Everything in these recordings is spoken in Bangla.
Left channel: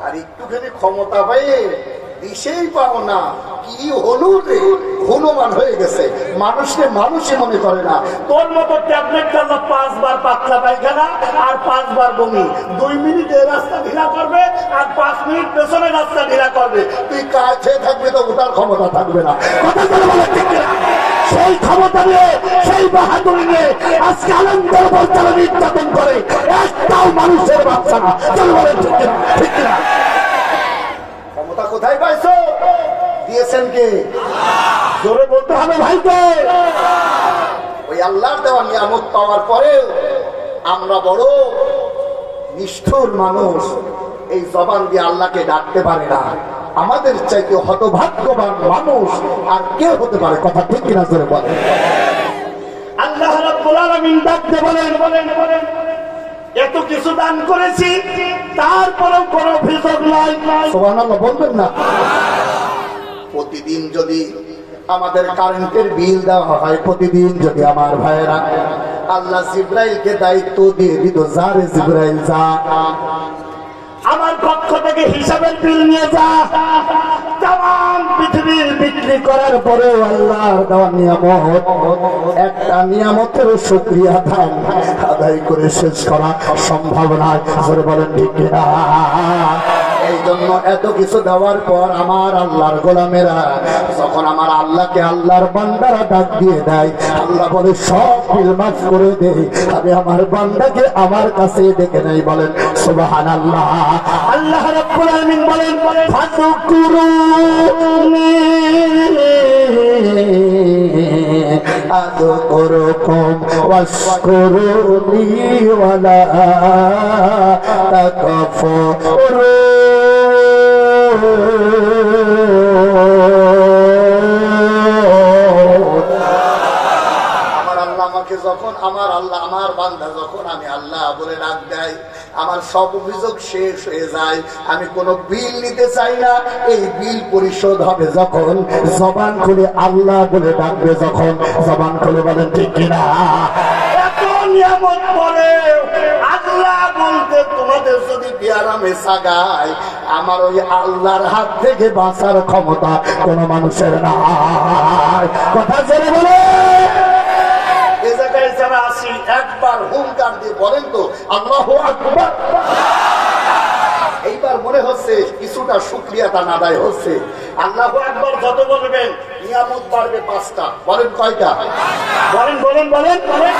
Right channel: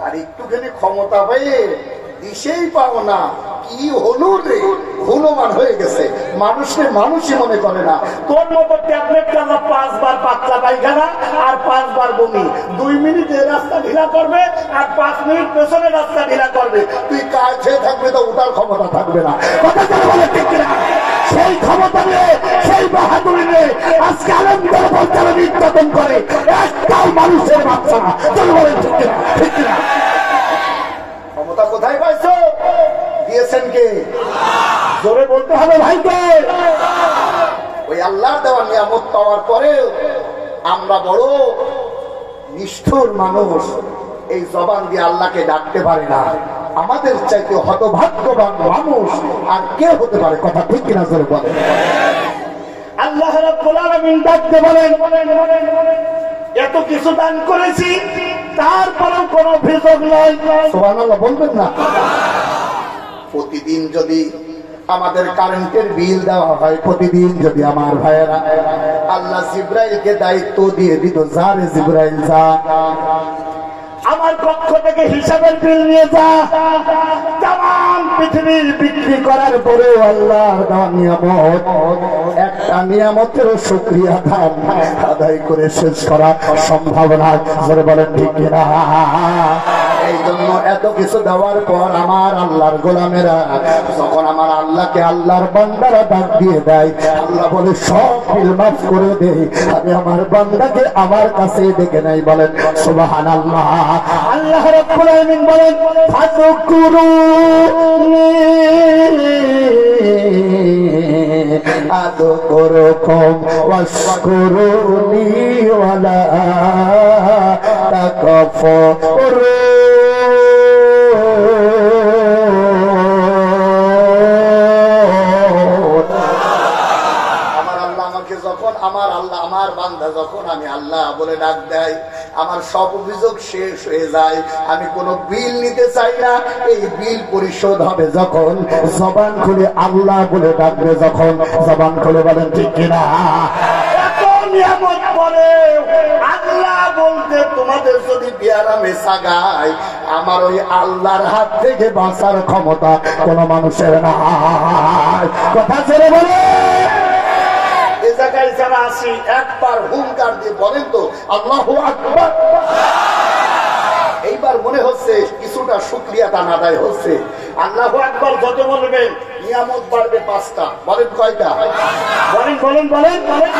আর একটুখানি ক্ষমতা পেয়ে দিশেই পাবো না, কি হলো রে, হনুমান হয়ে গেছে। মানুষকে মানুষই মনে করে না। তোর মতো ট্যাবলেট খাওয়া 5 বার পাতলা পায়খানা আর 5 বার বমি, 2 মিনিটে রাস্তা ঢিলা করবে আর 5 মিনিট পেছনে রাস্তা ঢিলা করবে। তুই খেয়ে থাকবে তো ওটার ক্ষমতা থাকবে না। সেই ক্ষমতা নিয়ে, সেই বাহাদুরি নিয়ে আজকে আনন্দের বলতে নির্যাতন করে একটাও মানুষের বাচ্চা না। ক্ষমতা কোথায় পাইছো? দিয়েছেন কে? জোরে বলতে হবে ভাইকে। ওই আল্লাহর দেওয়া নিয়ামত পাওয়ার পরেও আমরা বড় নিষ্ঠুর মানুষ, এই জবান দিয়ে আল্লাহকে ডাকতে পারে না। আমাদের চাইতে হতভাগ্যবান মানুষ আর কে হতে পারে? কথা ঠিক কিনা জোরে বলেন। আল্লাহ রাব্বুল আলামিন ডাকতে বলেন, এত কিছু দান করেছি তারপরেও কোনো অভিযোগ নাই। সুবহানাল্লাহ বলবেন না? প্রতিদিন যদি আমাদের কারেন্টের বিল দেওয়া হয়, প্রতিদিন যদি আমার ভাইয়েরা আল্লাহ জিবরাইলকে দায়িত্ব দিয়ে দিত, যারে জিবরাইল যা আমার পক্ষ থেকে হিসাবের বিল নিয়ে যা, তাম পৃথিবীর বিক্রি করার পরে আল্লাহর নিয়ামত, একটা নিয়ামতের শুকরিয়া আদায় করে শেষ করা সম্ভব নয়। বলেন ঠিক কিনা? এই জন্য এত কিছু দেওয়ার পর আমার আল্লাহর গোলামেরা যখন আমার আল্লাহকে আল্লাহর বান্দারা ডাক দিয়ে দেয়, আল্লাহ বলে সব বিল মাফ করে দেই, আমি আমার বান্দাকে আমার কাছে ডেকে নাই। বলেন সুবহানাল্লাহ। আল্লাহ রাব্বুল আলামিন বলেন, ফাযকুরুনি আযকুরুকুম ওয়াশকুরুনি ওয়ালা তাকাফুরু। যখন আমার আল্লাহ আমার বান্দা যখন আমি আল্লাহ বলে ডাক দেয়, আমার সব অভিযোগ শেষ হয়ে যায়। আমি কোনো বিল নিতে চাই না। এই বিল পরিশোধ হবে যখন জবান খুলে আল্লাহ বলে ডাকবে, যখন জবান খুলে। বলেন ঠিক কিনা? নিয়ামত পরে আল্লাহ বলতে তোমাদের যদি বিয়ারামে সাগায়, আমার ওই আল্লাহর হাত থেকে বাঁচার ক্ষমতা কোন মানুষের না। কথা ছেড়ে বলে জায়গায় যারা আসি একবার হুঙ্কার দিয়ে বলেন তো আল্লাহু আকবার। এইবার মনে হচ্ছে কিছুটা শুকরিয়াটা আদায় হচ্ছে। আল্লাহু আকবার যত বলবেন নিয়ামত বাড়বে 5টা। বলেন কয়টা? বলেন বলেন বলেন বলেন।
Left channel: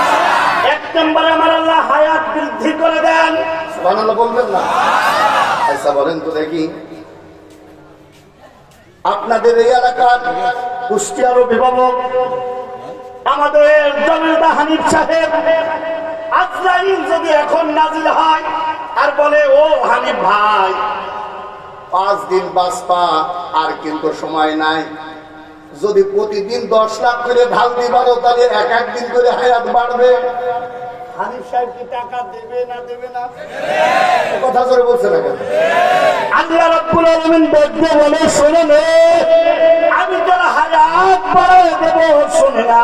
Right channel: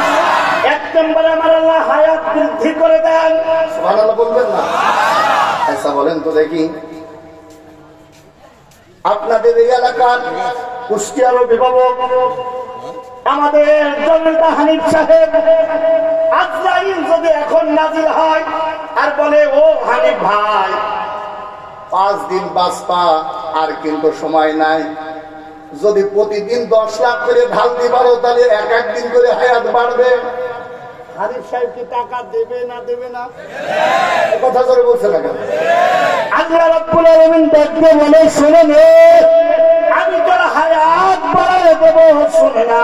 1 নম্বরে আমার আল্লাহ হায়াত বৃদ্ধি করে দেন। সুবহানাল্লাহ বলবেন না? আচ্ছা বলেন তো দেখি, আপনাদের এই এলাকার কুষ্টিয়ার অভিভাবক আমাদের জনতা হানিফ সাহেব, আজরাইল যদি এখন নাজিল হয় আর বলে, ও হানিফ ভাই 5 দিন বাঁচবা, আর কিন্তু সময় নাই, যদি প্রতিদিন 10 লাখ করে ঢাল দিবারো তাহলে 1 দিন করে হায়াত বাড়বে। হানিফ সাহেব কি টাকা দেবে না দেবে না? কথা করে বলছে না কেন? আল্লাহ রাব্বুল আলামিন ডাকতে বলে, শুনে নে, আমি তোর হায়াত বাড়ায় দেব, শুনে না।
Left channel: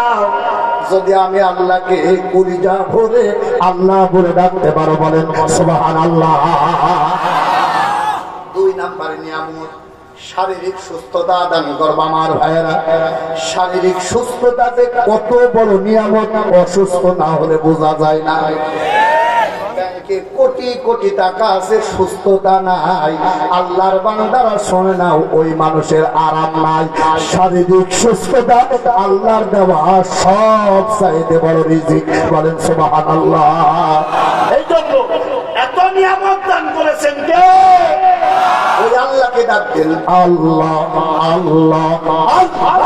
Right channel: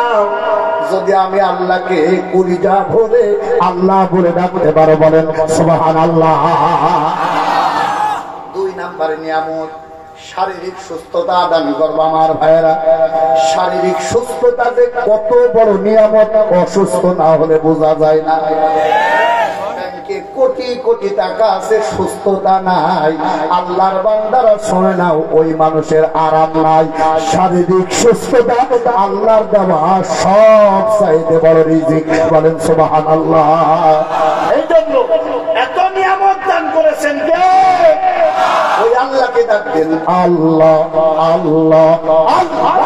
যদি আমি আল্লাহকে কলিজা ভরে আল্লাহ বলে ডাকতে পারো, বলেন সুবহানাল্লাহ। 2 নম্বরে নিয়ামত শারীরিক সুস্থতা দান করবা। আমার ভাইয়েরা, শারীরিক সুস্থতা যে কত বড় নিয়ামত, অসুস্থ না হলে বোঝা যায় না। ব্যাংকে কোটি কোটি টাকা আছে, সুস্থতা নাই। আল্লাহর বান্দারা শোনে না, ওই মানুষের আরাম নাই। শারীরিক সুস্থতা আল্লাহর দেওয়া সব চাইতে বড় রিজিক। বলেন সুবহানাল্লাহ। এই জন্য এত নিয়ামত দান করেছেন কে? ওই আল্লাহকে ডাকবেন, আল্লাহ আল্লাহ আল্লাহ।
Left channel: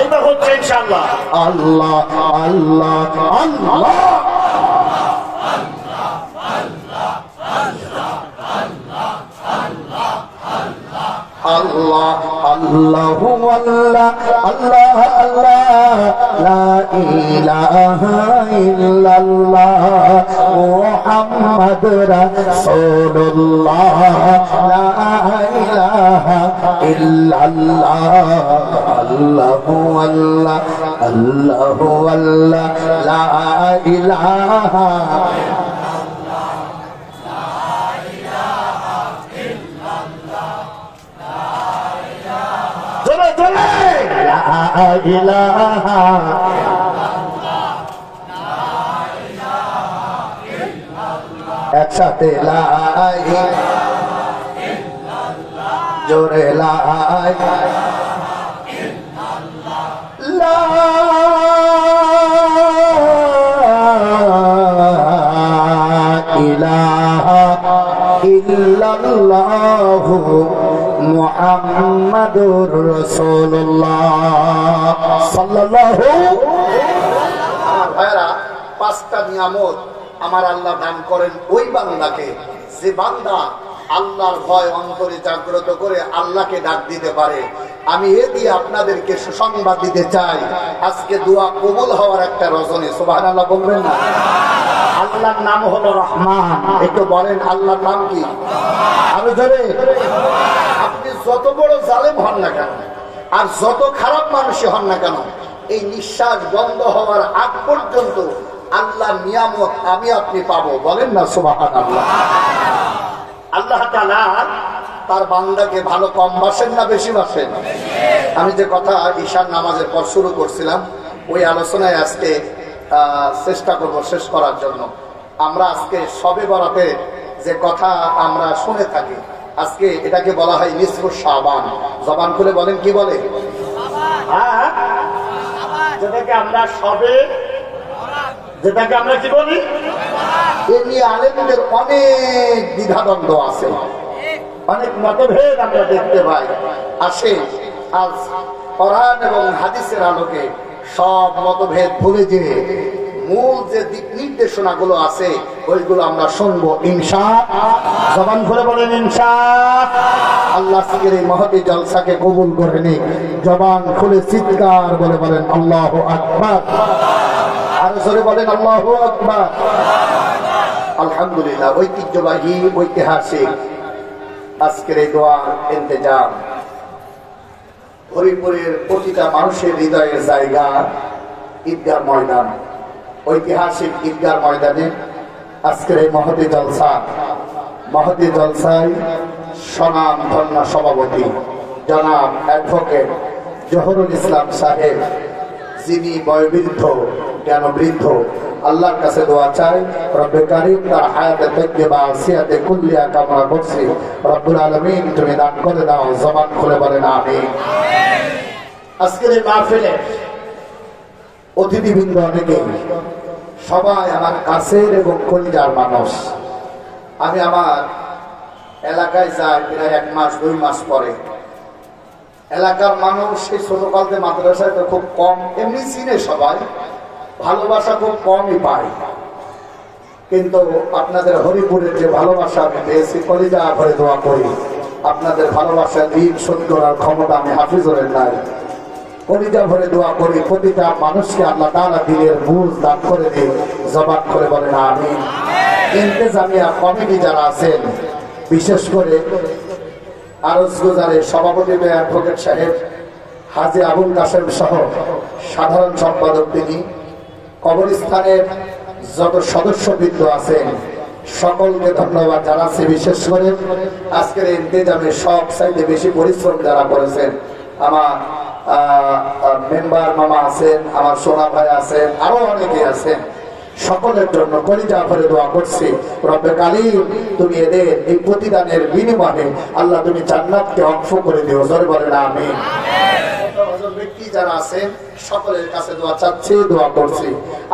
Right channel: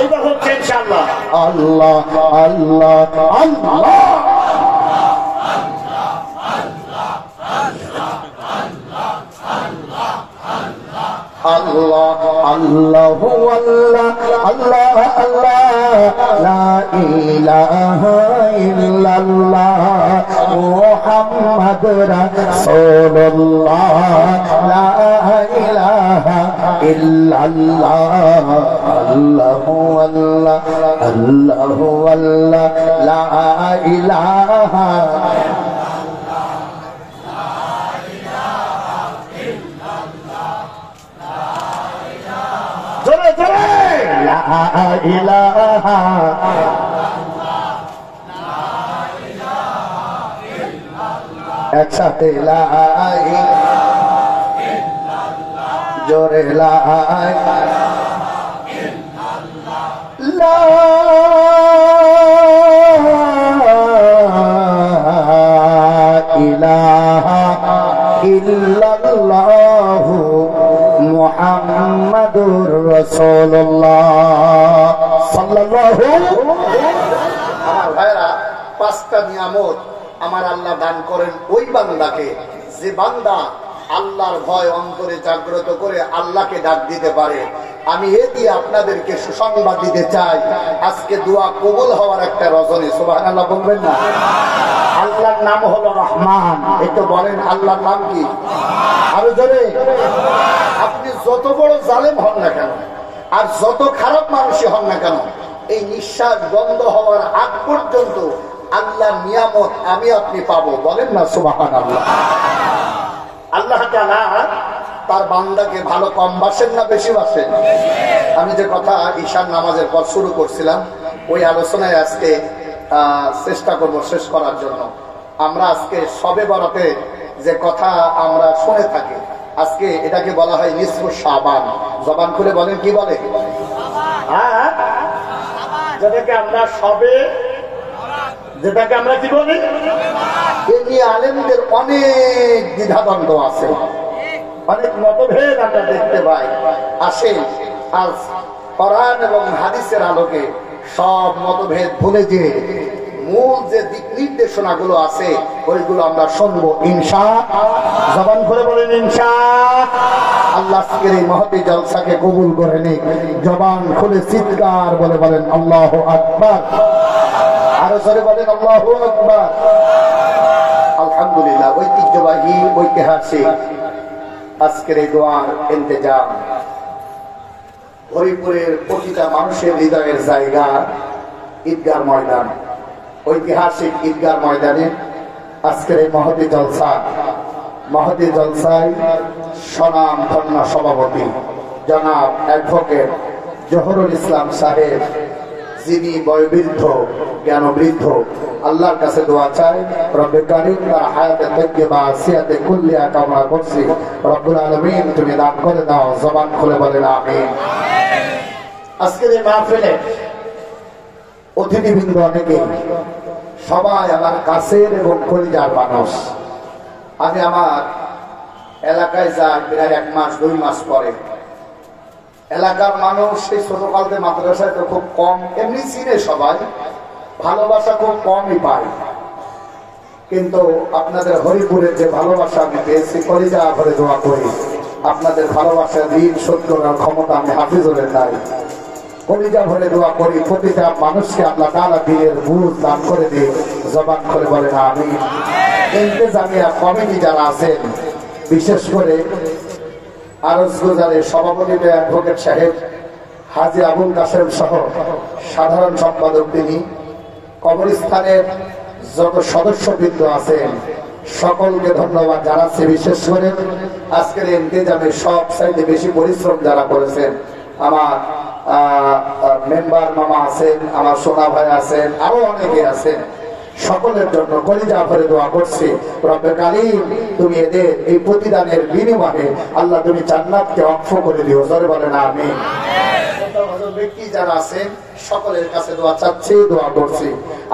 এইবার হচ্ছে ইনশাআল্লাহ আল্লাহ আল্লাহ আল্লাহ। আল্লাহ আল্লাহ আল্লাহ আল্লাহ আল্লাহ, লা ইলাহা ইল্লাল্লাহ মুহাম্মাদ রাসূলুল্লাহ, লা ইলাহা ইল্লাল্লাহ আল্লাহু আল্লাহ আল্লাহু আল্লাহ লা ইলাহা জোরে জোরে লা ইলাহা একসাথে লা জোরে লা ইলাহা ইল্লাল্লাহু মুহাম্মাদুর রাসূলুল্লাহ সাল্লাল্লাহু। আমার ভাইরা, পাঁচটা নিয়ামত আমার আল্লাহ দান করেন ওই বান্দাকে যে বান্দা আল্লাহর ভয় অন্তরে জাগ্রত করে আল্লাহকে ডাক দিতে পারে। আমি এ দিয়ে আপনাদেরকে সুসংবাদ দিতে চাই, আজকে দোয়া কবুল হওয়ার একটা রজনী। সুবহানাল্লাহ বলবেন না? আল্লাহর নাম হলো রহমান। একটু বলেন আল্লাহর নাম কি? আরো জোরে। আপনি যত বড় জালেম হন না কেন আর যত খারাপ মানুষই হন না কেন, এই নিঃশ্বাস বন্ধ হওয়ার আগ পর্যন্ত আল্লাহর নিয়ামত আমি আপনি পাবো। বলেন না সুবহানাল্লাহ? আল্লাহ তাআলা তার বান্দাকে ভালো কম বাসেন না বেশি বাসেন? আমি যে কথা ঈশার নামাজের পর শুরু করছিলাম, ওই আলোচনায় আজকে চেষ্টা করব শেষ করার জন্য। আমরা আজকে শবে বরাতে যে কথা আমরা শুনে থাকি, আজকে এটাকে বলা হয় নিসফু শাবান। জবান খুলে বলেন, কি বলে? হ্যাঁ, যেটাকে আমরা শবে, যেটাকে আমরা কি বলি, এ নিয়ে আলেমদের অনেক দ্বিধাদ্বন্দ্ব আছে, অনেক মতভেদ আমরা দেখতে পাই। আসে আজ কোরআন এবং হাদিসের আলোকে সব মতভেদ ভুলে যে মূল যে দিক নির্দেশনা গুলো আছে ওইগুলো আমরা শুনবো ইনশাআল্লাহ। জবান খুলে বলেন ইনশাআল্লাহ। আল্লাহ আজকের এই মহতি জলসাকে কবুল করে নিক। জবান খুলে চিৎকার বলে বলেন আল্লাহু আকবার। আরো জোরে বলেন আল্লাহু আকবার। আলহামদুলিল্লাহ। ঐতিহ্যবাহী ঐতিহাসিক আজকের এই দোয়ার ইন্তজাম হরিপুরের প্রতিটা মানুষের হৃদয়ের জায়গা ঈদগাহ ময়দান। ঐতিহাসিক ঈদগাহ ময়দানে আজকের এই মহতি জলসা, মহতি জলসায় সনাম ধন্য সভাপতি জনাব অ্যাডভোকেট জহুরুল ইসলাম সাহেব, যিনি বয়োবৃদ্ধ জ্ঞানবৃদ্ধ, আল্লাহর কাছে দোয়া চাই রব্বে কারীম তার হায়াতে তাইয়্যিবা সিয়াতে কুল্লিয়া কামনা করছি। রব্বুল আলামিন তুমি দান করে দাও। জবান খুলে বলেন আমিন। আজকের এই মাহফিলে অতিথিবৃন্দ অনেকে, সবাই আমার কাছের এবং কলিজার মানুষ। আমি আমার এলাকায় যাই প্রায় 1 মাস 2 মাস পরে। এলাকার মানুষ সেই ছোটকাল থেকে মাদ্রাসায় তো খুব কম এমনি চিনে, সবাই ভালোবাসা খুব কমই পায়, কিন্তু আপনাদের হরিপুরের যে ভালোবাসা আমি পেয়েছি, কলিজা ভরে দোয়া করি আপনাদের ভালোবাসার ঋণ শোধ করার ক্ষমতা আমি হাফিজুরের নাই। কলিজা ভরে দোয়া করি প্রতিটা মানুষকে আল্লাহ তাআলা দিনের বুঝ দান করে দিয়ে। জবান করে বলেন আমিন। ইন্তেজামিয়া কমিটি যারা আছেন, বিশেষ করে আরজ গুজারের সভাপতি অ্যাডভোকেট সাহেব হাজী আবুল কাশেম সহ সাধারণ সম্পাদক তিনি, কবরস্থানের যত সদস্যবৃন্দ আছেন সকলকে ধন্যবাদ জানাচ্ছি। বিশেষ করে আজকের ইন্তেজামে সব চাইতে বেশি পরিশ্রম যারা করেছেন, আমার মেম্বার মামা আছেন, আমার সোনা ভাই আছেন, আরো অনেকে আছেন, সকলের জন্য কলিজা ভরে দোয়া করছি রব্বে কারীম তুমি এদের এই প্রতিদানের বিনিময়ে আল্লাহ তুমি জান্নাতকে অংশ করে দিও। জোরে বলেন আমিন। ব্যক্তি যারা আছেন সকলের কাছে দোয়া চাচ্ছি, দোয়া করছি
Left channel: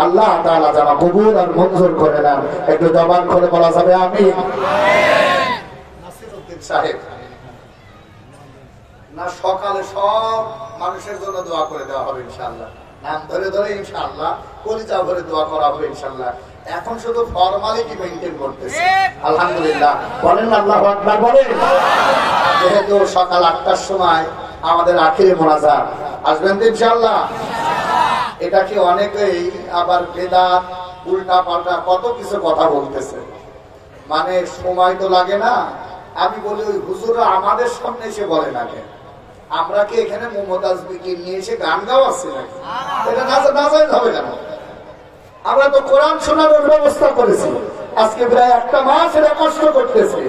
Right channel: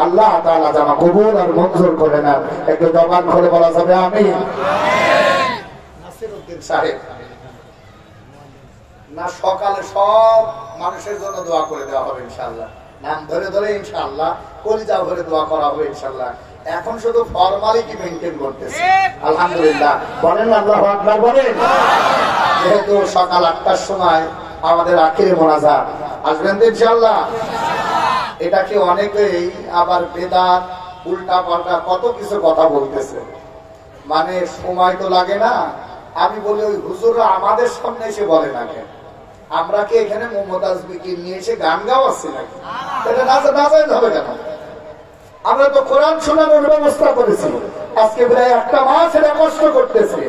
আল্লাহ তাআলা যেন কবুল আর মঞ্জুর করে নেন। একটু জবান করে বলা যাবে আমিন। নাসিরউদ্দিন সাহেব না, সকালে সব মানুষের জন্য দোয়া করে দেওয়া হবে ইনশাআল্লাহ, নাম ধরে ধরে ইনশাআল্লাহ কলিজা ভরে দোয়া করা হবে ইনশাআল্লাহ। এখন শুধু ফর্মালিটি মেইনটেইন করতেছে। আলহামদুলিল্লাহ বলেন আল্লাহু আকবার বলেন। যেহেতু সকাল 8টার সময় আমাদের আখিরে মোনাজাত, আসবেন তো ইনশাআল্লাহ। এটা কি অনেকেই আবার বেদাত উল্টা পাল্টা কত কিছু কথা বলতেছে, মানে সময় তো লাগে না। আমি বলি ওই হুজুররা আমাদের সামনে এসে বলে না কেন, আমরা কি এখানে মমতাজ বিকি নিয়ে এসে গান গাওয়াচ্ছি নাকি? এটা না জানলে হবে কেন? আমরা তো কোরআন শোনানোর ব্যবস্থা করেছি, আজকে প্রায় একটা মাস এটা কষ্ট করতেছে।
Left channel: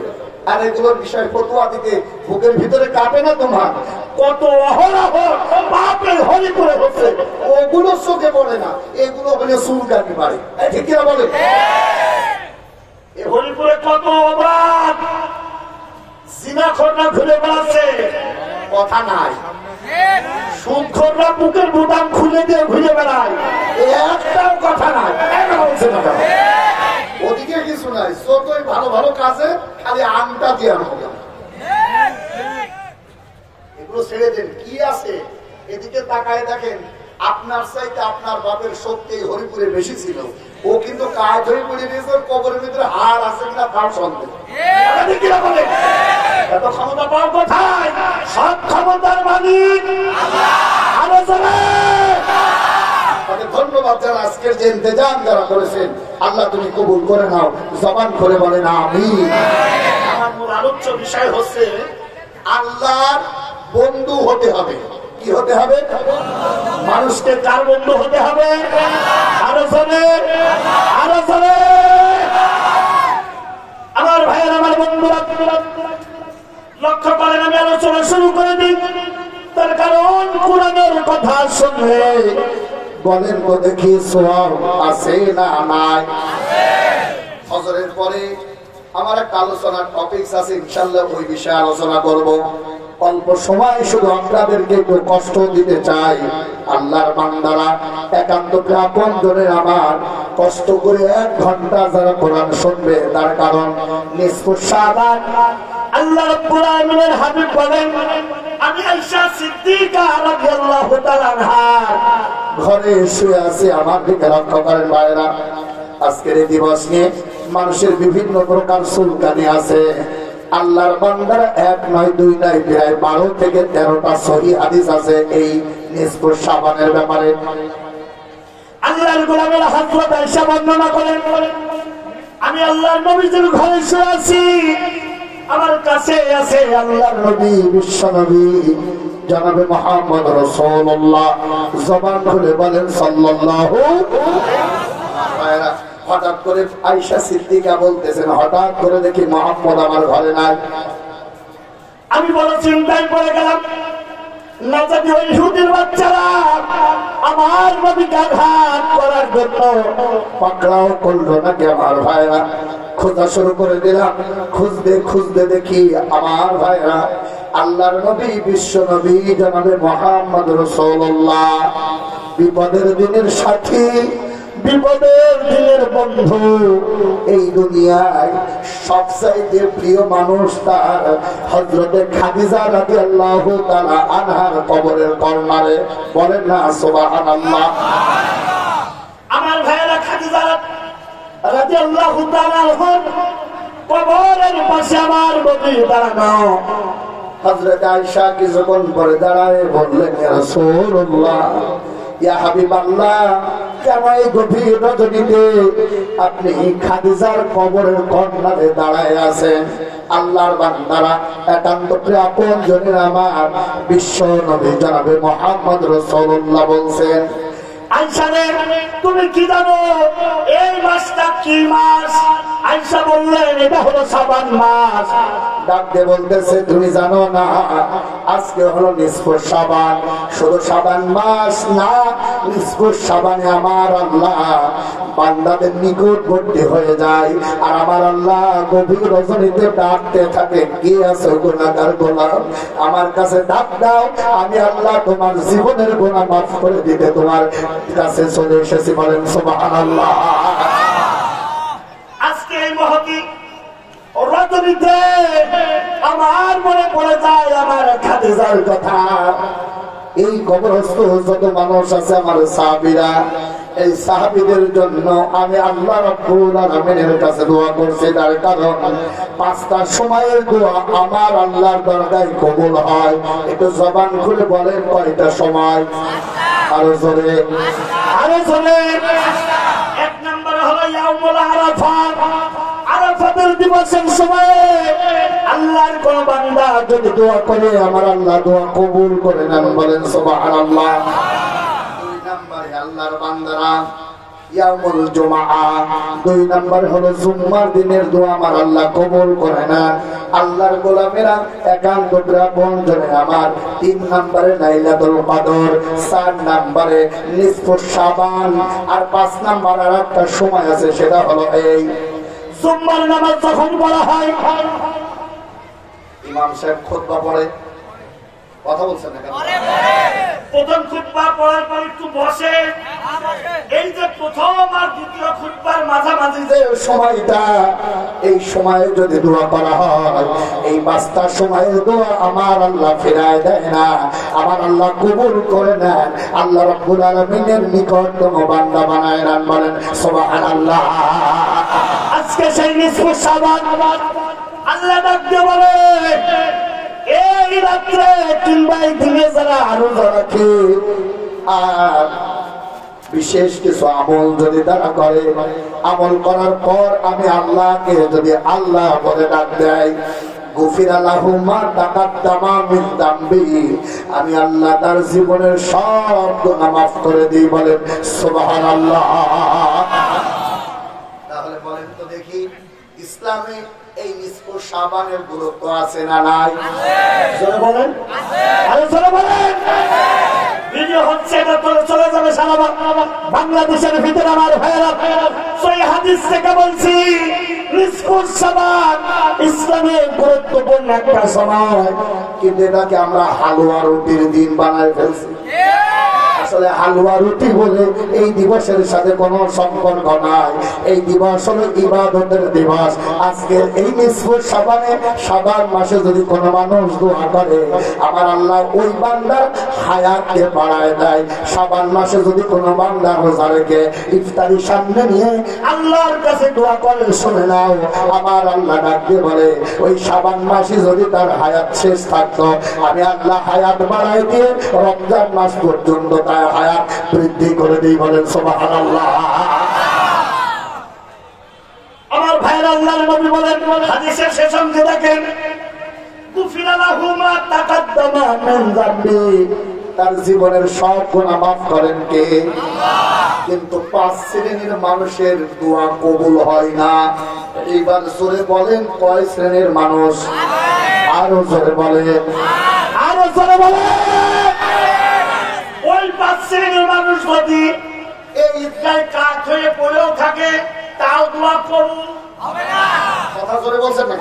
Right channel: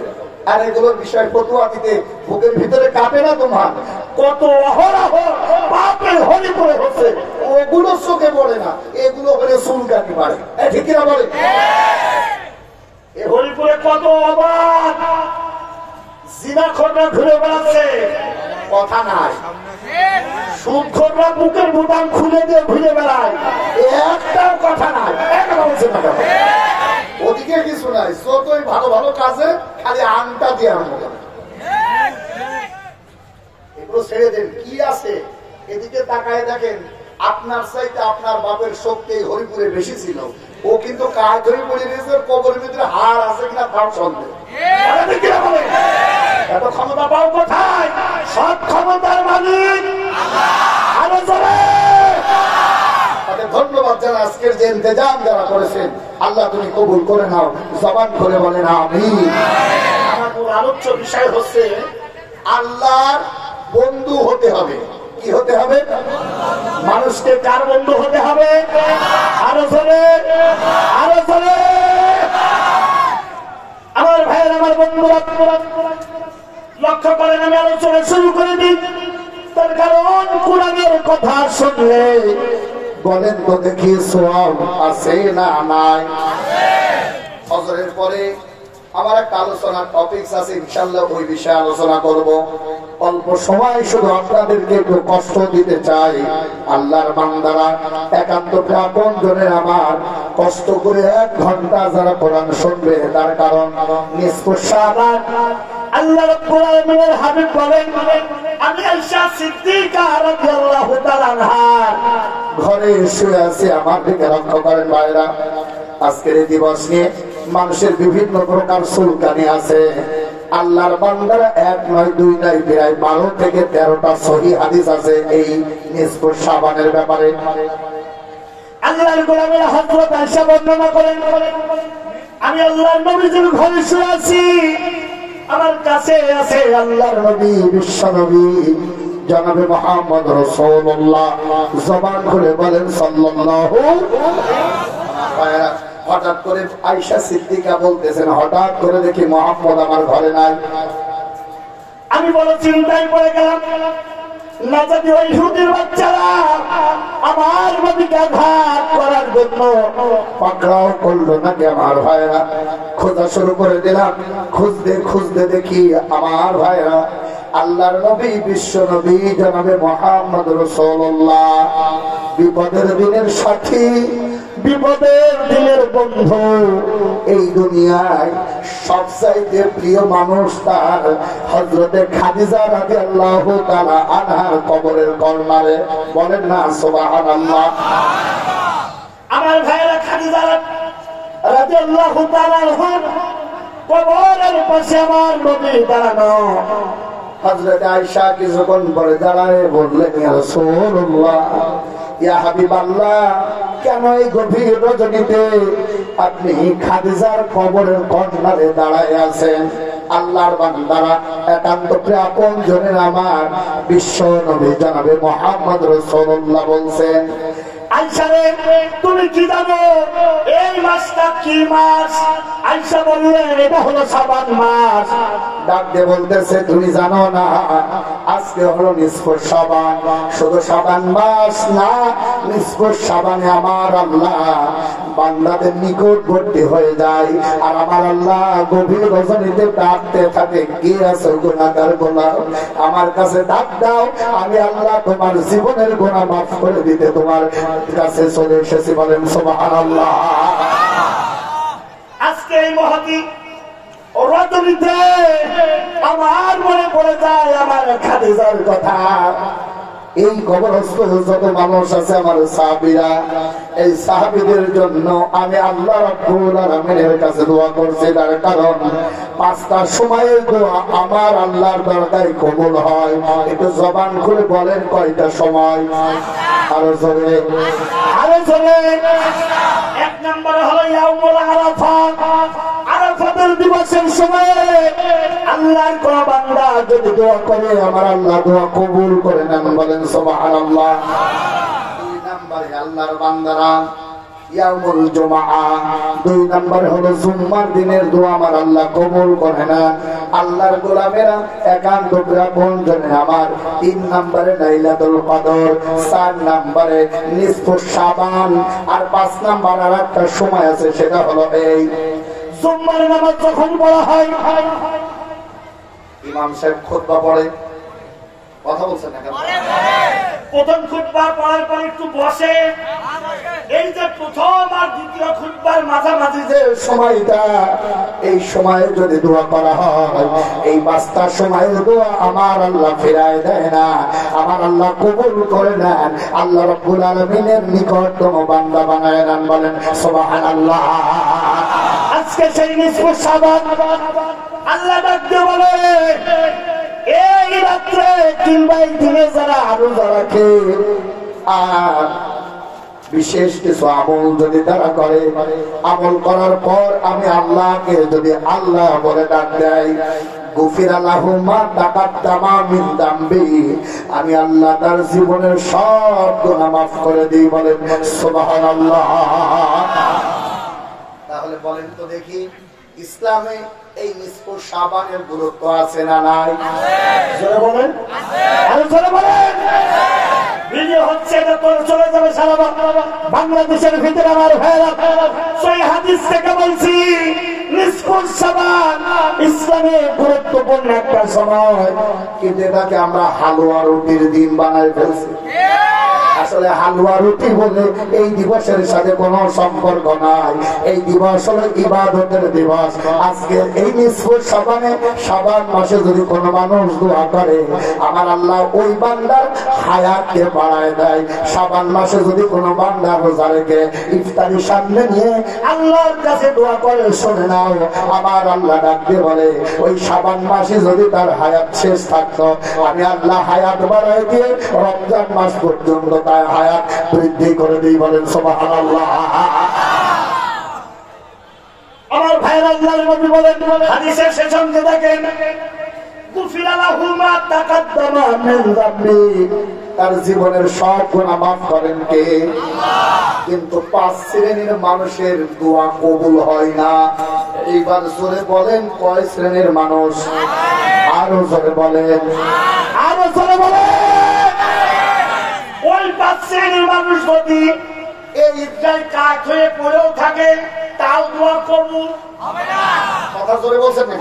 আর এগুলোর বিষয় ফতুয়া দিতে বুকের ভিতরে কাঁপে না তোমার? কত অহরহ পাপের হলি পড়ে হচ্ছে, ওগুলো চোখে পড়ে না, এগুলো হলে চুলকানি পারে। ঠিক কিনা বলে? হরিপুরে কত অবাধ জিনাখোররা ঘুরে বেড়াচ্ছে, কথা নাই। সুদখোররা বুকের বোতাম খুলে দিয়ে ঘুরে বেড়ায়, একটাও কথা নাই। ওদিকে কিছু নাই, যতই ভালো ভালো কাজে খালি আংটা দেওয়ার মতো। এগুলো ছেড়ে দেন, কি আছে এদিকে তাকায় দেখেন। আপনার চাইতে আপনার বাপের শক্তি হরিপুরে বেশি ছিল, ও কিন্তু কাজ হরিপুরে নিজের কবরের ভিতরে হার আছে কিনা তার সন্দেহ। এত ক্ষমতা পাও কোথায়? সব ক্ষমতার মালিক ধন্যবাদ যারা আজকের যে ইন্তজাম যারা করেছেন, আল্লাহ তুমি কবুল করে নাও। জবান করে বলেন আমিন। আমার মূল আলোচ্য বিষয় হচ্ছে আল্লাহর বন্ধু হতে হবে। কি হতে হবে? মানুষকে কার বন্ধু হতে হবে? আরো জোরে, আরো জোরে। আমার ভাইয়ের, আমার বন্ধুরা লক্ষ্য করেন, আমি আলোচনা শুরু করে দিই। তার কারণ কোরআনের কথা শুনলে বলেন তো দেখি সওয়াব আছে না নাই? ফজরের পরে আমার একটা আলোচনার টপিকস আছে, ইনশাআল্লাহ ওই বিষয়ে আলোচনা করব। অল্প সময় শুধু আপনাদেরকে একটু কষ্ট দিতে চাই। আল্লাহর বান্দারা একান্ত আপন জনের আমার কষ্ট করে 1 ঘন্টা যারা কোরআন শুনবে, তার কারণ নিসফু শাবান আল্লাহ রাব্বুল আলামিনের হাবিব বলেন, আমি আয়েশা সিদ্দিকা রাদিয়াল্লাহু তাআলা আনহা ঘরে শুয়ে আছি, আমার দিকে লক্ষ্য করেন ভাইরা। আজকের এই দিবস নিয়ে মানুষের বিভিন্ন প্রকার চুলকানি আছে। আল্লাহর বান্দারা 1 নয় 2 নয় প্রায় 12 থেকে 13টা সহিহ হাদিস আছে এই নিসফু শাবানের ব্যাপারে। আল্লাহর গোলামের হযরত আয়েশা বর্ণনা করেন, আমি আল্লাহর নবীজির ঘরে শুয়ে আছি, আমার কাছে আছে আল্লাহর নবী, বিশ্ব নবী জনাবে মুহাম্মদ রাসূলুল্লাহ। জবান খুলে বলেন সাল্লাল্লাহু আলাইহি। হঠাৎ করে আয়েশা সিদ্দিকা বলতেছেন, হঠাৎ করে দেখি মুহাম্মদ আমার ঘরে নাই। আমি বড় চিন্তায় পড়ে গেলাম, না জানি ওই ইহুদির বাচ্চারা আমার নবীকে আঘাত করার জন্য পাকড়াও করলো নাকি। আমার ভাইরা খোঁজা শুরু করে দিলাম, খুঁজতে খুঁজতে দেখি আমার ভাইরা আল্লাহর নবী, বিশ্ব নবী জনাবে মুহাম্মদ রাসূলুল্লাহ বিপদের দিনের সাথী, বিপদের দিনের বন্ধু, এই দুনিয়ায় সবচাইতে প্রিয় মানুষ তার হযরতে খাদিজা রাদিয়াল্লাহু তাআলা আনহার কবরের কর্নারে। বলেন না সুবহানাল্লাহ। আমার ভাইরা খাদিজা রাদিয়াল্লাহু তাআলা আনহার কবরের পাশে আমার নবী দাঁড়ানো। হযরত আয়েশা কিছুক্ষণ পরে দাঁড়ায় বললেন, ইয়া রাসূলুল্লাহ, ইয়া হাবিবাল্লাহ, কেন এই গভীর রজনীতে আপনি খাদিজার কবরের কর্নারে দাঁড়ায় আছেন? আল্লাহর বান্দারা একান্ত আপন জনের আমার বিশ্ব নবী জনাবে মুহাম্মদ রাসূলুল্লাহ বলছেন, আয়েশা রে তুমি কি জানো এই মাসটা কি মাস? আয়েশা বললেন, এটা হলো শাবান মাস। ডাক দিয়ে বলতেছে, তুমি জানো না আজকে হলো নিসফু শাবান? শুধু শাবান মাস না, নিসফু শাবানে আমার আল্লাহ বান্দাদের নিকটবর্তী হয়ে যায়, আর আমার আল্লাহ গভীর রজনীতে ডাকতে থাকে, কে আছে গুনাহগার গোলাম, আমার কাছে ডাক দাও, আমি আল্লাহ তোমার জীবনের গুনাহ মাফ করে দিতে তোমার কাছে চলে এসেছি। বলেন সুবহানাল্লাহ। আজকে এই মহতি রজনীতে আমার মনে পড়ে যায় আমার খাদিজার কথা। এই কবরস্থ যত মানুষ আছে আমার সাহাবীরা, এই সাহাবীদের জন্য আমি আল্লাহ রাব্বুল আলামিনের কাছে দোয়া করছি, তার কারণ 5টা সময়ের দোয়া আমার আল্লাহর দরবারে কবুল হয়। একটু জবান খুলে বলেন কয়টা সময়? আরো জোরে, আরো জোরে। 1 নম্বরে হলো ইয়াউমুল আরাফা। আরাফাতের আজকের দিবসের সময় আল্লাহর কোন বান্দা যদি দোয়া করে আমার আল্লাহ দোয়া কবুল করে নেন, বলেন সুবহানাল্লাহ। দুই নম্বরে আল্লাহর বান্দারা ইয়াউমুল জুমআ, দুই নম্বর হলো জুম্মার দিনের দোয়া আমার আল্লাহ কবুল করে না। আল্লাহর গোলামেরা একান্ত আপন জনে আমার, তিন নম্বরে লাইলাতুল কদর, চার নম্বরে নিসফুস শাবান, আর পাঁচ নম্বর আর একটা সময় আছে, সেটা হলো এই জুম্মার নামাজ যখন পড়া হয়, ইমাম সাহেব খুতবা পড়ে, কথা বলছেন না কেন? প্রথম খুতবা পড়ার পর একটু বসে, এই যে প্রথম আর দ্বিতীয় খুতবার মাঝামাঝি যে সময়টা, এই সময়ে যদি দোয়া করা হয়, এই পাঁচটা সময়ে দোয়া আমার আল্লাহ ফেরায় দেয় না, আমার আল্লাহ কবুল করে নেন। আল্লাহ রাব্বুল আলামিনের নিকটতম বান্দা বানায় নেন, বলেন সুবহানাল্লাহ। আজকে সেই নিসফুস শাবান আল্লাহ ডাক দিয়ে বলে, এই রাত্রে 3/3 যারা রোজা রাখে আর বিশেষ কিছু আমল যদি তারা করে, আমল করার পর আমি আল্লাহকে যদি আল্লাহ বলে ডাক দেয়, গুফিরা লাহু মা তাকাদ্দামা মিন যামবি, আমি আল্লাহ তার জীবনের সব গুনাহ মাফ করে দিই, বলেন সুবহানাল্লাহ। তাহলে বলেন তো দেখি, ইসলামে এই নিসফুস শাবানের গুরুত্ব আছে না নাই? জোরে বলেন, আরে জোরে বলেন। ভিডিও হচ্ছে, এটা তো চলে যাবে সারা বাংলাদেশের ভিতরে। আমার ভাইরা, সেই হাদিস থেকে বলছি, নিসফুস শাবান ইসলামের গুরুত্বপূর্ণ একটা সময়, কিন্তু এটাকে আমরা হালুয়া রুটির দিন বানায় ফেলছি। আসলে হালুয়া রুটি বলে এই দিবসের সাথে কোনো সম্পর্ক নাই। এই দিবস হলো ইবাদতের দিবস। আজকে এই নিসফুস শাবানে, শাবান মাসে যদি কোনো মানুষ দোয়া করে, আমার আল্লাহ ওই বান্দার হায়াতকে বাড়ায় দেয়। শাবান মাসে যদি কোনো বান্দা রোজা রেখে ইফতারি সামনে নিয়ে আল্লাহর কাছে দোয়া করে, শুনে নাও, আমার আল্লাহ ডাক দিয়ে বলে, ওই শাবান মাসে যদি তার হায়াত শেষ থাকতো, আমি আল্লাহ হায়াত বাড়ায় দিয়ে রমজান মাস পর্যন্ত তার হায়াত বৃদ্ধি করে দিই, বলেন সুবহানাল্লাহ। আমার ভাইরা, আল্লাহর নবী বলেন, হাদিসের শেষ অংশে দেখেন, গুফিরা লাহু মা তাকাদ্দামা মিন যামবি, তার জীবনের সব গুনাহ মাফ করেন কে? কিন্তু 5 শ্রেণীর মানুষের দোয়া কবুল হয় না। এইবার জোরে বলেন, কয় শ্রেণীর মানুষ? আরো জোরে বলেন, আরো জোরে বলেন। ওই 5 শ্রেণীর মানুষ যদি এই ঈদগায় কাঠ হয়ে পড়েও থাকে, তাও দোয়া কবুল হবে না। কথা জোরে বলছেন না?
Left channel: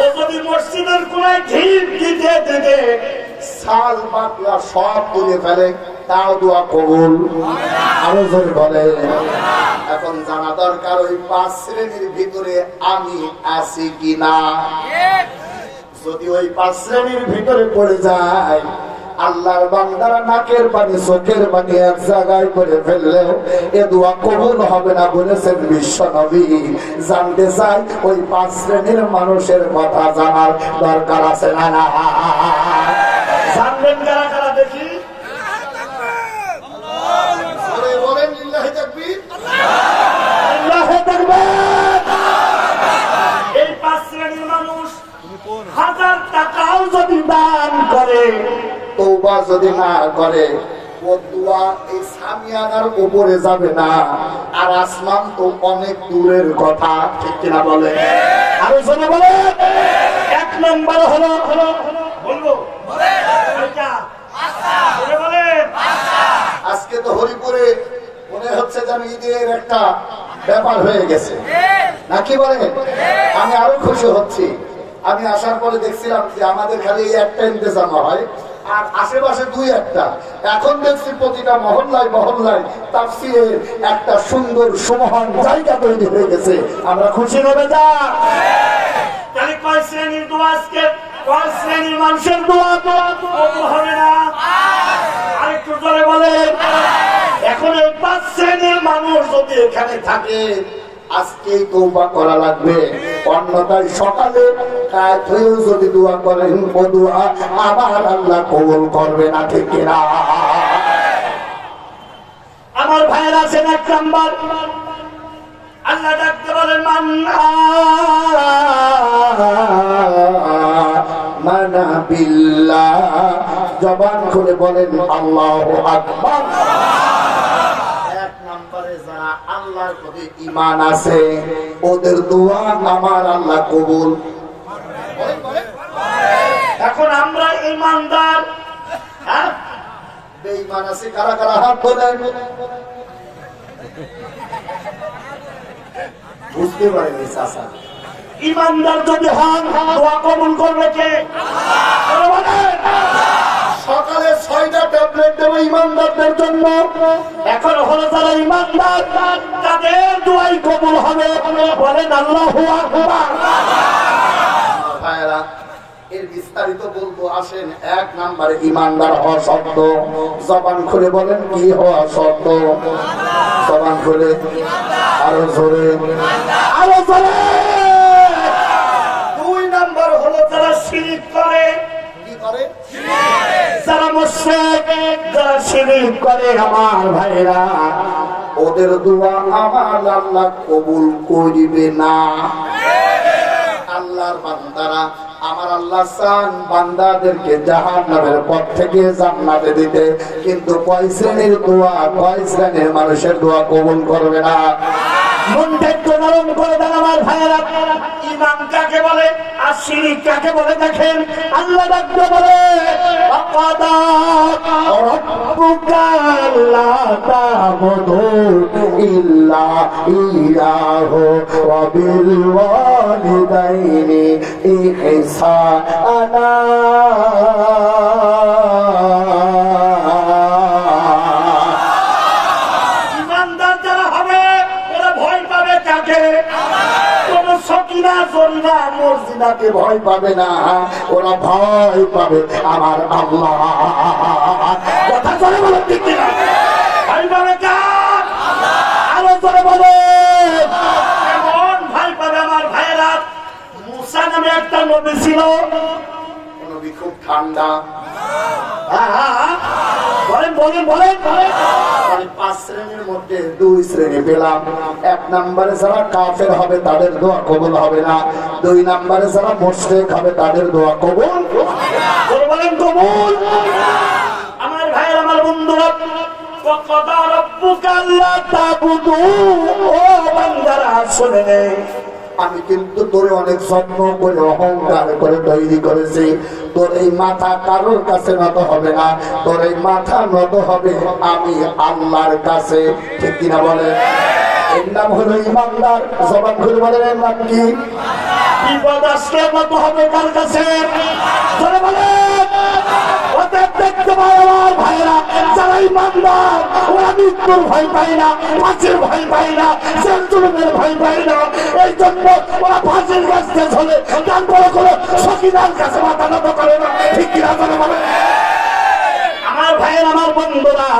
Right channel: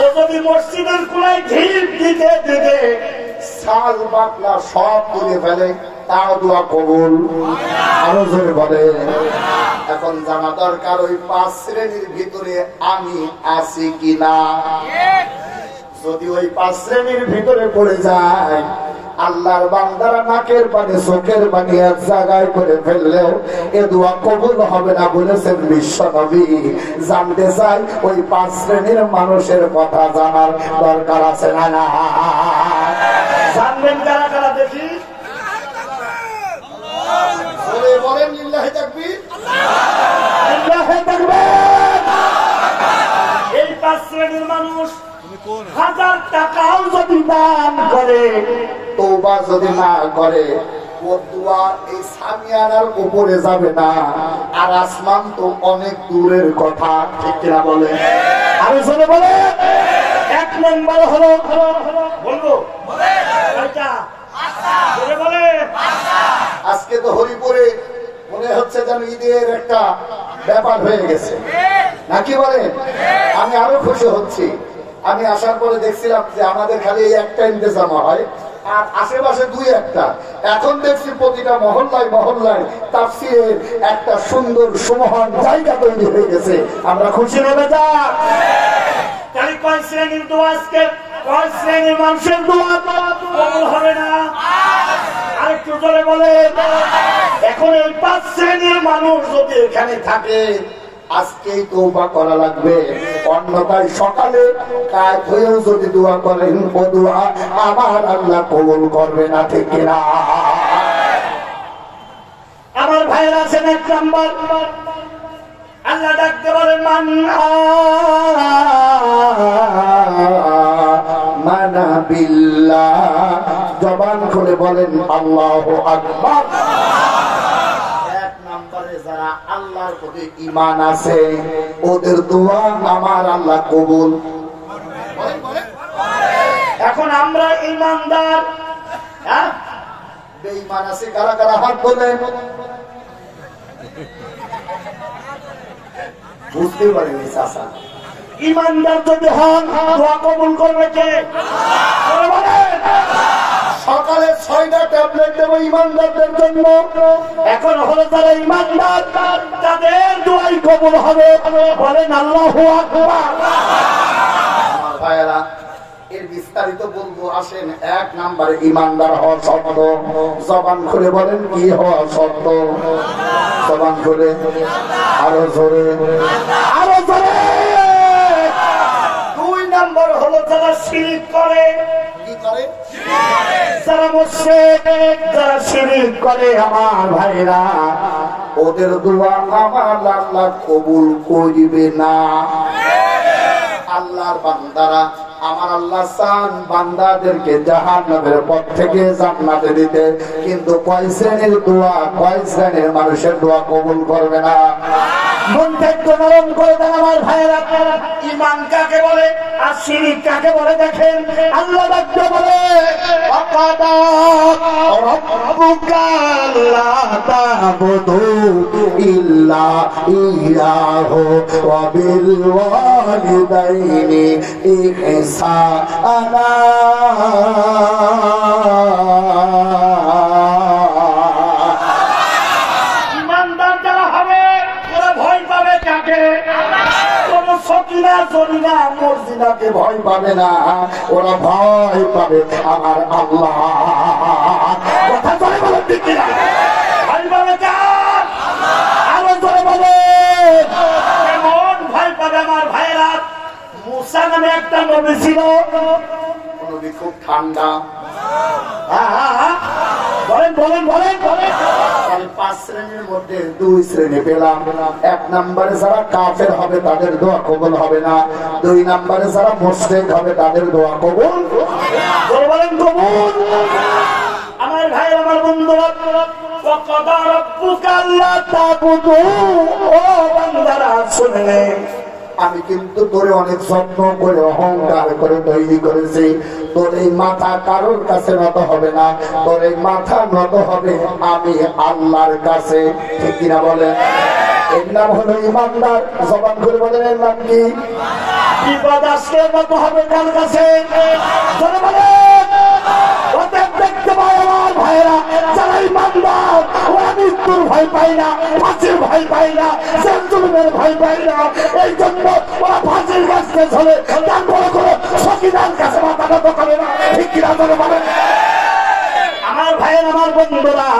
ও যদি মসজিদের কোনায় ঢিপ দিতে দিতে সাল বাকলা সব করে ফেলে, তাও দোয়া কবুল হবে না। আরো জোরে বলে। এখন জানা দরকার, ওই 5 শ্রেণীর ভিতরে আমি আছি কিনা। যদি ওই 5 শ্রেণীর ভিতরে পড়ে যায়, আল্লাহর বান্দারা নাকের পানি চোখের পানি এক জায়গায় করে ফেললেও এ দোয়া কবুল হবে না, বলেছেন বিশ্ব নবী। জানতে চাই, ওই 5 শ্রেণীর মানুষের কথা জানার দরকার আছে না? জানবেন কারা কারা দেখি? বলেন লিল্লাহি তাকবীর, লিল্লাহি তাকবীর। এই 5 শ্রেণীর মানুষ 1000 টাকাও যদি দান করে, তওবা যদি না করে, ও দোয়া এই সামিয়ানার উপরে যাবে না। আর আসমান তো অনেক দূরের কথা, ঠিক কিনা বলে? আরো শুনে বলে। 1 নম্বর হলো, বলবো আজকে তো হরিপুরে মনে হচ্ছে যেন ঈদের একটা ব্যাপার হয়ে গেছে, নাকি বলেন? আমি আরো খুশি হচ্ছি। আমি আসার পরে দেখছিলাম যে আমাদের খালি একটা ইন্তেজাম হয়, আর আশেপাশে 2-1টা। এখন দেখছি প্রতিটা মহল্লায় মহল্লায় তাফসীরের একটা সুন্দর সুমহান জায়গা তৈরি হয়ে গেছে। আমরা খুশি হবে যা। তাহলে কয় শ্রেণীর দোয়া আজকে, কয় শ্রেণীর মানুষের দোয়া কবুল হবে না? আরেকটু জোরে বলেন। এখন এই 5 শ্রেণীর মানুষ যদি এখানে থাকে, আজকেই তওবা করা লাগবে। অন্যথায় সকালে কাজ হয়েও যদি দোয়া করেন, ও দোয়া আমার আল্লাহ কবুল করবে না, ঠিক কিনা? আমার ভাইয়েরা আছেন। 1 নম্বর, আল্লাহ ডাকতে বলেন মানা বিল্লাহ, জবান খুলে বলেন আল্লাহু আকবার। এক নম্বরে যারা আল্লাহর প্রতি ঈমান আছে ওদের দোয়া আমার আল্লাহ কবুল। এখন আমরা ঈমানদার, বেঈমান আছে কারা কারা হাত তোলেন? বুঝতে পারেনি চাচা। ঈমানদার যদি হন দোয়া কবুল করবে কে? সকালে 6টা ট্যাবলেট দেবো ঈমানদারদের জন্য। এখন হলো যারা ঈমানদার তাদের দোয়াই কবুল হবে, বলেন আল্লাহু আকবার। ভাইরা এর বিস্তারিত বলবো, আসেন। এক নম্বরে ঈমানদার হওয়া শর্ত, জবান খুলে বলেন কি হওয়া শর্ত? জবান খুলে আরো জোরে, আরো জোরে। 2 নম্বর হলো যারা শিরক করে। কি করে? যারা মুশরিক, যারা শিরক করে আমার ভাইরা ওদের দোয়া আমার আল্লাহ কবুল করিবে না। আল্লাহর বান্দারা আমার আল্লাহ চান বান্দাদেরকে জাহান্নামের পথ থেকে জান্নাতে দিতে, কিন্তু কয় শ্রেণীর দোয়া, কয় শ্রেণীর মানুষের দোয়া কবুল করবে না। মনটা একটু নরম করে দেন আমার ভাইয়েরা। ঈমান কাকে বলে আর শিরক কাকে বলে দেখেন। আল্লাহ ডাকতে বলে আকাদা রাব্বুকা আল্লা তা'বুদু ইল্লা ইয়াহু ওয়া বিল ওয়ালিদাইনি ইহসানা। ঈমানদার যারা হবে ওরা ভয় পাবে কাকে? কোন সকিনা জরিনা মর্জিনাকে ভয় পাবে না, ওরা ভয় পাবে আমার আল্লাহ। কথা জোরে বলে দিতে না, ভয় পাবে কার? আরো জোরে বলে কেমন ভয় পাবে আমার ভাইরা? মুসা নামে একটা নবী ছিল, নবী খুব ঠান্ডা। বলেন বলেন বলেন। 5 শ্রেণীর মধ্যে 2 শ্রেণী পেলাম। 1 নম্বরে যারা কাফের হবে তাদের দোয়া কবুল হবে না। 2 নম্বরে যারা মুশরিক হবে তাদের দোয়া কবুল বলেন কবুল। আমার ভাই আমার বন্ধুরা, ওয়াকাদা রাব্বুকা আল্লা তা'বুদু, ও বান্দারা শুনে আমি কিন্তু তোরে অনেক যত্ন করে অহংকার করে তৈরি করেছি। তোর এই মাথা কারোর কাছে নত হবে না, তোর এই মাথা নত হবে আমি আল্লাহর কাছে। ঠিক কিনা বলেন? এর নাম হলো ঈমানদার। জবান খুলে বলেন এর নাম কি? বিপদ আসলে নত হবে কার কাছে? জোরে বলেন। ওদের দেখতে পাই আমার ভাইরা যারা ঈমানদার ওরা মৃত্যুর ভয় পায় না, ফাঁসির ভয় পায় না, জেল-জুলুমের ভয় পায় না। এই জন্য ওরা ফাঁসির কাছে চলে, তারপরে কোনো সকিনার কাছে মাথা নত করে না। ঠিক কিনা বলে বলে আমার ভাইয়ের আমার বন্ধুরা,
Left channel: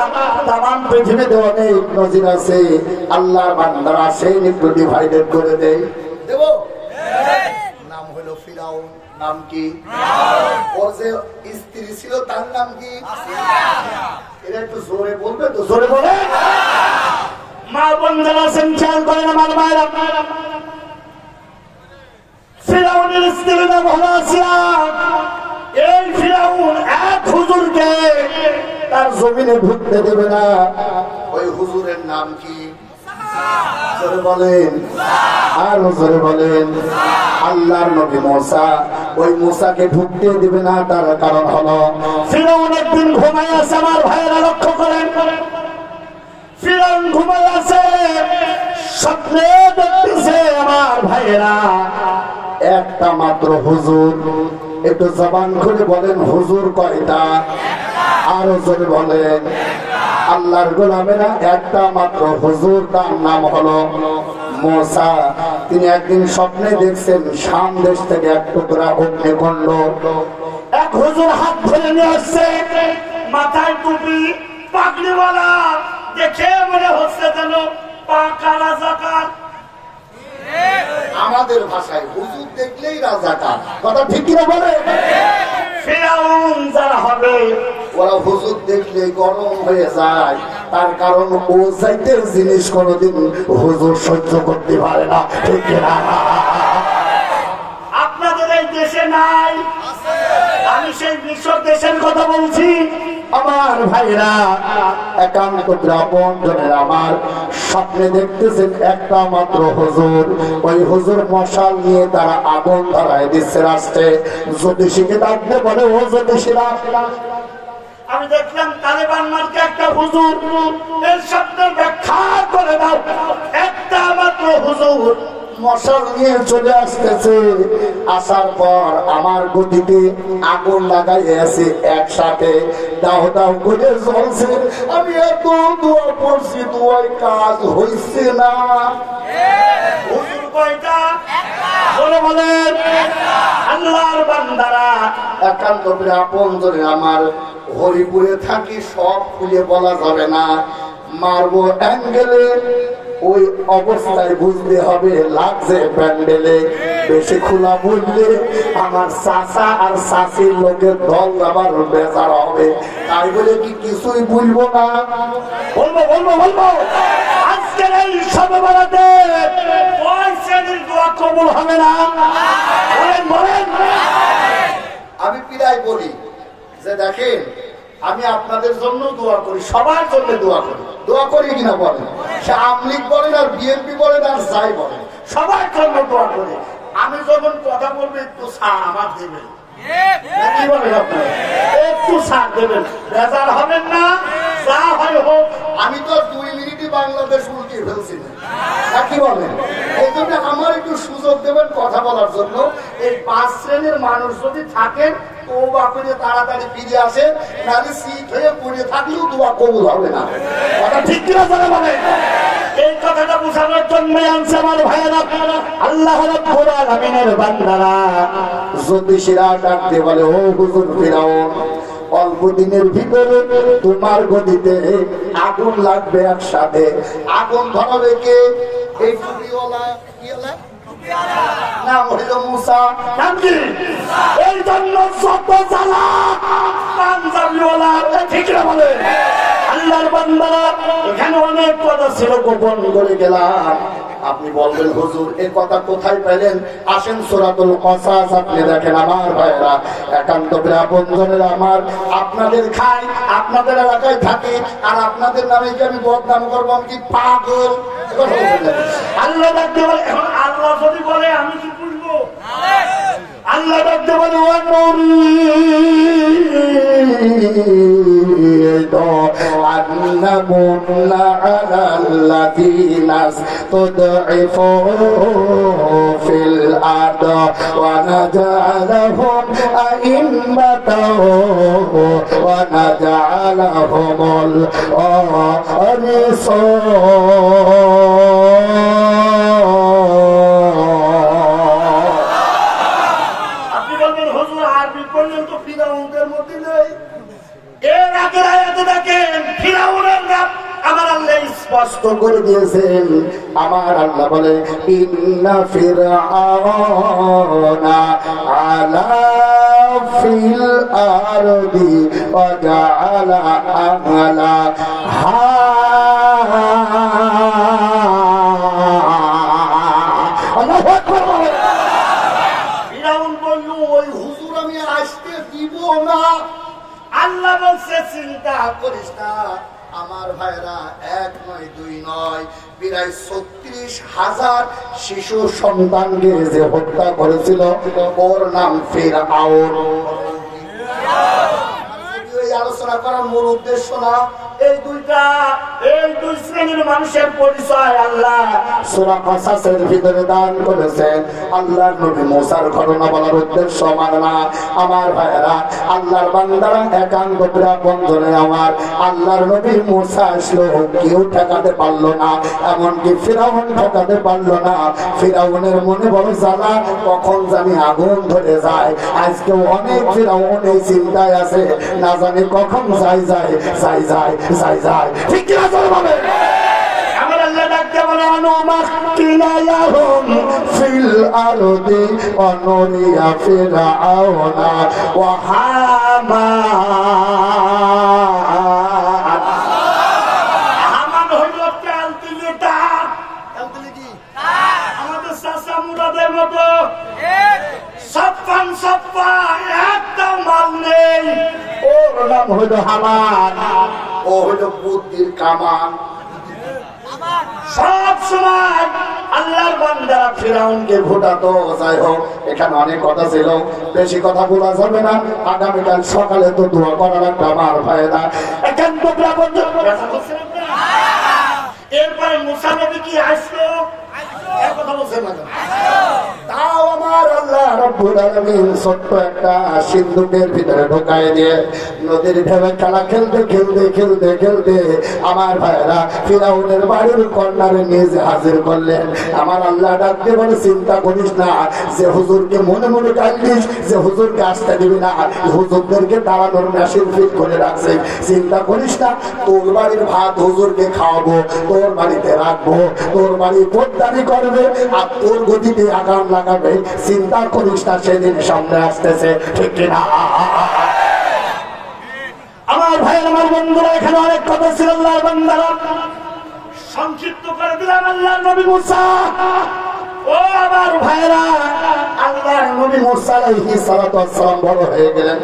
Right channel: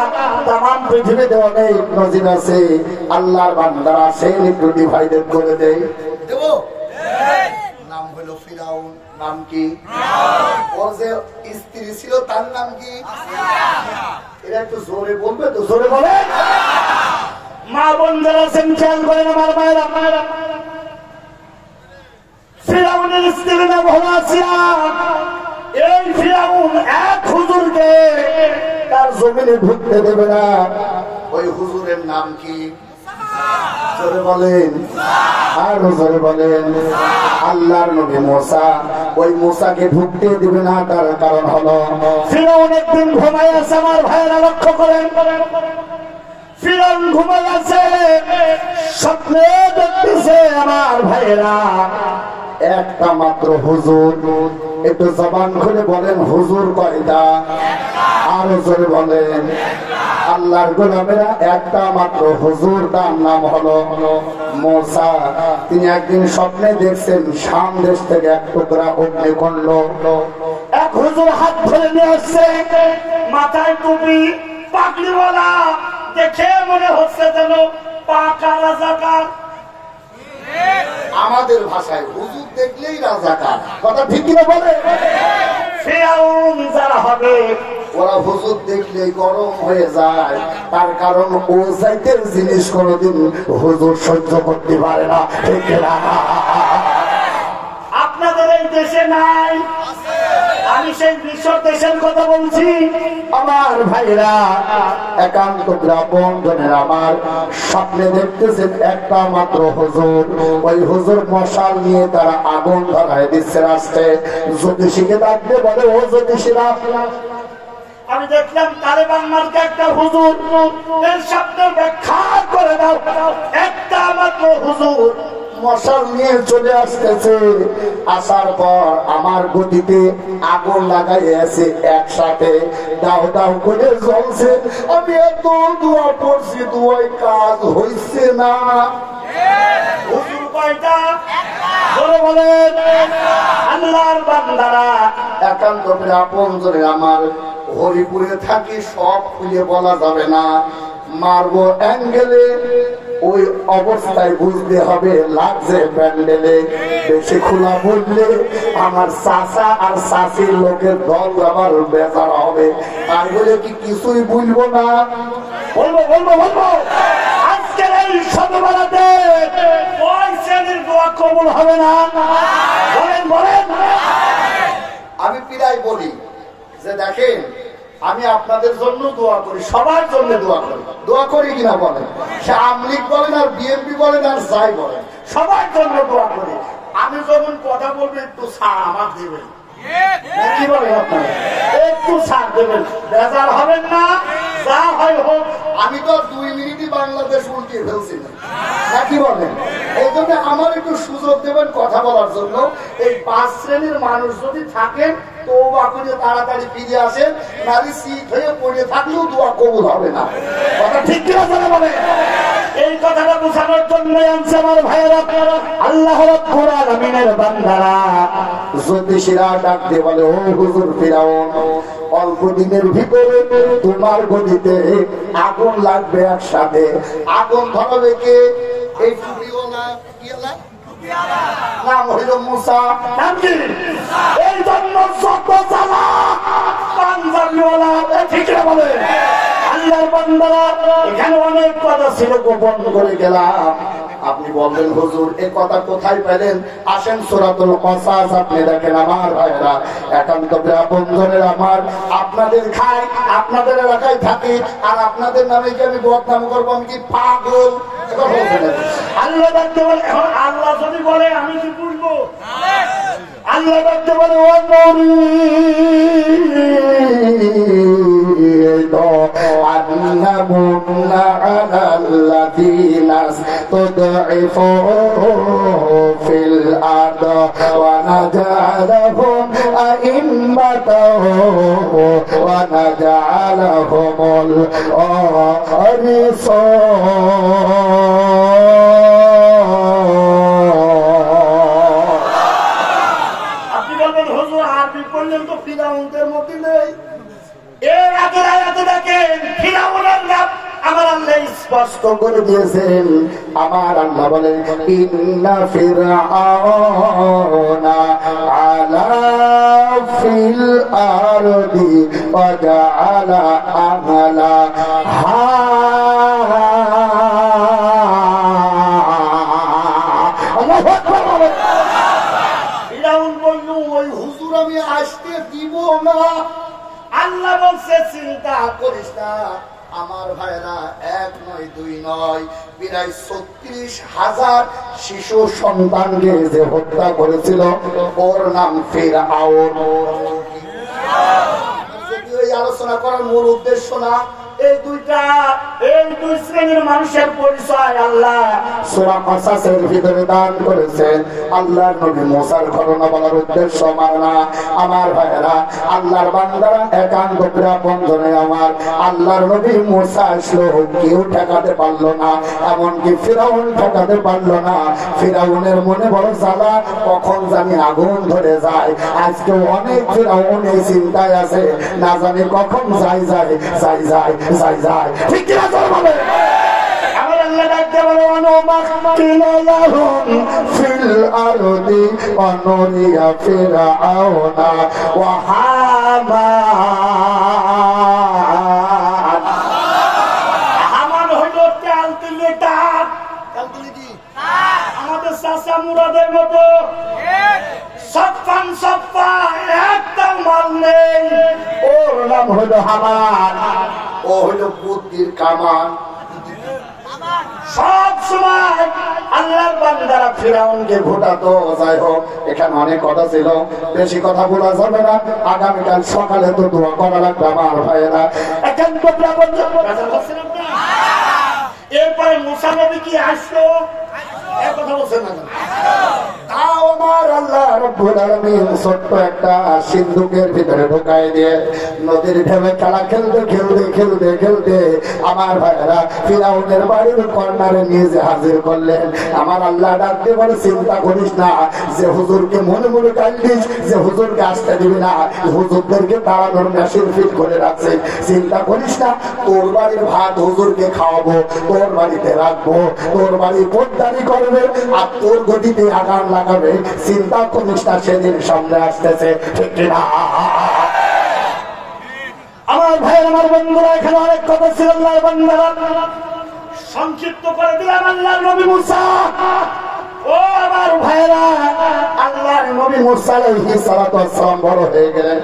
তামাম পৃথিবীতে অনেক নজির আছে আল্লাহর বান্দারা সেই একটু ডিভাইডেড করে দেয়। দেব নাম হলো ফিরাউন। নাম কি? ওর যে স্ত্রী ছিল তার নাম কি? এরা একটু জোরে বলবে তো, জোরে বলে। মা বোন যারা আছেন খেয়াল করেন আমার মায়েরা, ফিরাউনের স্ত্রীর নাম হলো আসিয়া। এই ফিরাউন এক হুজুরকে তার জমিনে ঢুকতে দেবে না। ওই হুজুরের নাম কি? জোরে বলেন, আরো জোরে বলেন। আল্লাহর নবী মুসা, ওই মুসাকে ঢুকতে দিবে না। তার কারণ হলো ফিরাউন একদিন ঘুমায় আছে। আমার ভাইয়েরা লক্ষ্য করেন, ফিরাউন ঘুমায় আছে, স্বপ্নে দেখতেছে আমার ভাইয়েরা একটা মাত্র হুজুর। একটু জবান খুলে বলেন হুজুর কয়টা? আরো জোরে বলেন। আল্লাহর গোলামেরা একটা মাত্র হুজুর, তার নাম হলো মুসা। তিনি একদিন স্বপ্নে দেখছেন শাম দেশ থেকে এক টুকরা অগ্নিকুণ্ড। এক হুজুর হাত ধরে নিয়ে আসছে, মাথায় টুপি, পাগড়িওয়ালা, দেখে মনে হচ্ছে যেন পাকা রাজাকার। আমাদের ভাষায় হুজুর দেখলেই রাজাকার। কথা ঠিক কিনা বলে? ফিরাউন যারা হবে ওরা হুজুর দেখলে গরম হয়ে যায়, তার কারণ ও জাইতের জিনিস কোনদিন হুজুর সহ্য করতে পারে না। ঠিক না? আপনাদের এই দেশে নাই, আমি সেই বিশ্ব দেশের কথা বলছি। আমার ভাইরা একান্ত আপনজনের আমার স্বপ্নে দেখতেছেন একটা মাত্র হুজুর, ওই হুজুর মশাল নিয়ে তারা আগুন ধরায় দিচ্ছে রাস্তায়। জ্যোতিষীকে ডাকতে বলে, ও জ্যোতিষীরা, আমি দেখলাম তালেবান মার্কে একটা হুজুর, এর শব্দের ব্যাখ্যা করে দাও। একটা মাত্র হুজুর মশাল নিয়ে চলে আসতেছে, আসার পর আমার গতিতে আগুন লাগাই আছে একসাথে, দাও দাও করে জ্বলছে। আমি এত দোয়া পড়ছি, দোয়ায় কাজ হইছে না। হুজুর কয়টা? বলেন আল্লাহর বান্দারা, একান্ত আপনজনে আমার হরিপুরে থাকি, সব খুলে বলা যাবে না, মারবো অ্যাঙ্গেলে, ওই অবস্থায় বুঝতে হবে লাগছে প্যান্ডেলে। বেশি খোলা বললে আমার চাচা আর চাচির লোকের দল আবার বেজার হবে, তাই বলে কি কিছুই বলবো না? বলবো বলবো বলবো। আজকের এই সমাবেশে ওই শ্রেণীর দোয়া কবুল হবে না। বলেন বলেন। আমি প্রায় বলি যে দেখেন, আমি আপনাদের জন্য দোয়া করি, সবার জন্য দোয়া করি। দোয়া করি কিনা বলেন? সে আওয়ামী লীগ বলেন আর বিএনপি বলেন আর যাই বলেন, সবার জন্য দোয়া করি। আমি যখন কথা বলবো একটু ছাড় আমার দেবেন, কি বলেন আপনারা? একটু ছাড় দেবেন, বেজার হবেন না। যা হয় হোক, আমি তো 2 মিনিটই বাংলাদেশ উল্টে ফেলছি না, কি বলেন? এই জন্য আমার একটু সুযোগ দেবেন কথা বলার জন্য। এই 5 শ্রেণীর মানুষ যদি থাকেন তো বাকুলে তাড়াতাড়ি ফিরে আসেন, নারী শীত হয়ে পড়ে থাকলেও দোয়া কবুল হবে না। কথা ঠিক কিনা জানা বলে? এই কথাটা বোঝানোর জন্য আনছে আমার ভাইয়েরা, আল্লাহ রাব্বুল আলামিনের বান্দারা। জ্যোতিষীরা ডাক দিয়ে বলে, ও হুজুর ফিরাউন, অল্প দিনের ভিতরে তোমার গদিতে আগুন লাগবে একসাথে। আগুন ধরাবে কে? এই টুপিওয়ালা নাম হইল মুসা। এই জন্য যত জ্বালা পাঞ্জাবিওয়ালা, ঠিক বলে আল্লাহর বান্দারা। এখানে অনেক কথা ছিল, গোপন করে গেলাম। আপনি বলবেন হুজুর এ কথা কোথায় পেলেন? আসেন সূরাতুল কসাস আপনি দেখেন। আমার ভাইরা, একান্ত আপনজনের আমার, আপনাদের খাই, আপনাদের এলাকায় থাকি, আর আপনাদের নামে কি আমি বদনাম করবো? আমি কি পাগল? আল্লাহ ডাকতে বলে, এখন আল্লাহ যদি বলে আমি কি বুঝবো? আল্লাহ ডাকতে বলে, ও আরবি পর্যন্ত ফিরাউনদের মধ্যে নেই। এর আগের আয়াতে দেখেন ফিরাউনের নাম আমার আল্লাহ স্পষ্ট করে দিয়েছেন। আমার আল্লাহ বলে, ইন্না ফিরআউনা আলা ফিল আরদি ওয়া জাআলা আহলাহা আল্লাহ বলছে চিন্তা করিস না। আমার ভাইরা, 1 নয় 2 নয়, প্রায় 36,000 শিশু সন্তানকে যে হত্যা করেছিল, ওর নাম ফিরআউন। এই আলোচনা করার মূল উদ্দেশ্য না, এই দুই শ্রেণীর মানুষের পরিচয় আল্লাহ সূরা কসাসের ভিতরে দান করেছেন। আল্লাহর নবী মুসার ঘটনা বলার উদ্দেশ্য আমার না। আমার ভাইয়েরা, আল্লাহর বান্দারা, একান্ত আপনজনে আমার, আল্লাহর নবী মুসা আসলো, কেউ ঠেকাতে পারলো না, এমনকি ফিরাউন ঠেকাতে পারলো না। ফিরাউনের মনে বড় জ্বালা, কখন জানি আগুন ধরে যায়। আজকে অনেক ফিরাউন এই চিন্তায় আছে, না জানি কখন যাই যায়। ঠিক কিনা? আমার আল্লাহ ডাকতে বলে অনুমাক্কিনা লাহুম ফিল আরদি অনুরিয়া ফিরআউনা ওয়া হামান। হামান হলো ক্যালকুলেটর। ক্যালকুলেটর কি? আমাদের চাচা মুরাদের মতো সফান সফা একটা মাল নেই, ওর নাম হলো হামান। ও হলো বুদ্ধির কামান। সব সময় আল্লাহর বান্দারা ফিরাউনকে ভোটাতো। যাই হোক, এখানে অনেক কথা ছিল, বেশি কথা বলা যাবে না। আগামীকাল সকালে তো দোয়া করা লাগবে আমার ভাইয়েরা। এখন তো এরপরে মুসা নবী কি আসলো, কথা বলছেন না? তাও আমার আল্লাহ রাব্বুল আলামিন ছোট্ট একটা সিন্ধুকের ভিতরে ঢুকায় দিয়ে নদীর ঢেউয়ে খেলা খেলতে খেলতে খেলতে খেলতে আমার ভাইরা ফিরাউনের বাড়ির কর্নারে নিজে হাজির করলেন। আমার আল্লাহ ডাক দিয়ে বলে, চিন্তা করিস না যে হুজুরকে মনে মনে ডাকলিস, যে হুজুরকে আসতে দিবি না, হুজুরদেরকে তাড়ানোর মেশিন ফিট করে রাখছে। চিন্তা করিস না, তোর বাড়ির ভাত হুজুরকে খাওয়াবো, তোর বাড়িতে রাখবো, তোর বাড়ি পোদ্দারি করবে আর তোর গতিতে আগাম লাগাবে। চিন্তা করিস না, সেদিন সামনে আসতেছে, ঠিক না? আমার ভাই, আমার বন্ধুরা, এখানে অনেক কথা ছিল। আল্লাহর বান্দারা সংক্ষিপ্ত করে দিলাম। আল্লাহর নবী মুসা, ও আমার ভাইরা, আল্লাহর নবী মুসা আলাইহিস সালাতু ওয়াস সালাম বড় হয়ে গেলেন।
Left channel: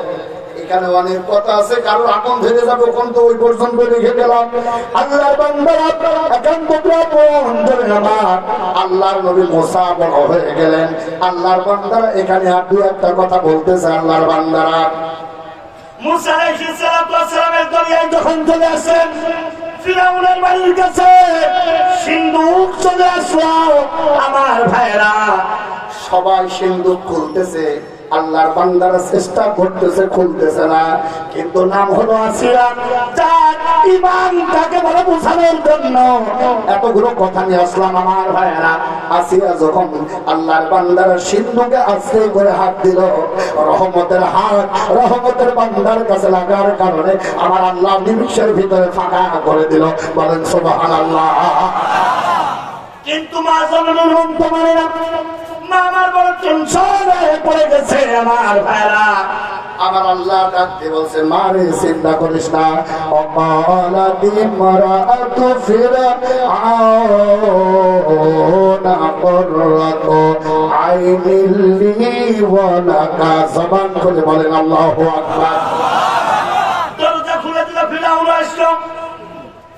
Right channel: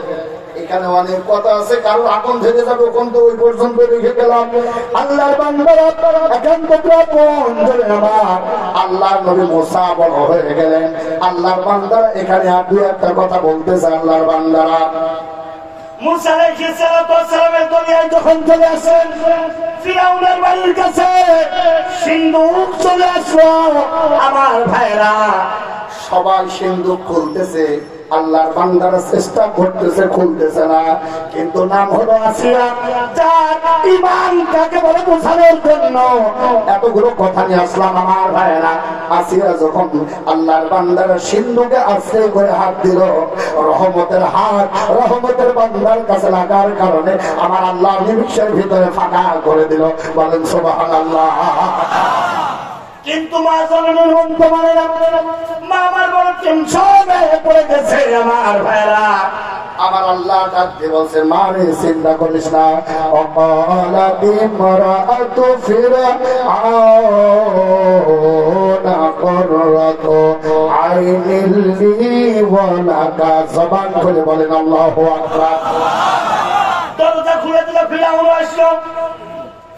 এখানে অনেক কথা আছে, কারো এখন ধরে যাবো, কোন তো ওই পর্যন্ত লিখে গেলাম। আল্লাহর বান্দারা এখন তো আল্লাহর নবী মুসা বড় হয়ে গেলেন। আল্লাহর বান্দারা এখানে আর দুই একটা কথা বলতেছে। আল্লাহর বান্দারা মুসা আলাইহিস সালাতু ওয়াস সালামের দরিয়ায় যখন চলে আসেন, ফিরাউনের বাড়ির কাছে সিন্ধুক চলে আসলো। আমার ভাইরা সবাই সিন্ধুক খুলতেছে, আল্লাহর বান্দারা চেষ্টা করতেছে, খুলতেছে না। কিন্তু নাম হলো আসিয়া, যার ঈমান তাকে বলে বোঝানোর জন্য এতগুলো কথা নিয়ে আসলাম। আমার ভাইয়েরা, আসিয়া যখন আল্লাহর বান্দারা সিন্ধুকে আস্তে করে হাত দিল, রহমতের হাত রহমতের বান্দার কাছে লাগার কারণে আমার আল্লাহ নিমিষের ভিতরে ফাঁকা করে দিল। বলেন সুবহানাল্লাহ। কিন্তু মা জননীর মনকে মানে না, মা আমার বড় টেনশনে পড়ে গেছে। আমার ভাইরা, আমার আল্লাহ ডাকতে বলছে, মারে চিন্তা করিস না। অকালাত ইমরাতু ফিরআউনা কুররাতু আইনিল লি ওয়া লাকা। জবান খুলে বলেন আল্লাহু আকবার। দরজা খুলে দিল, ফিরআউন আসলো।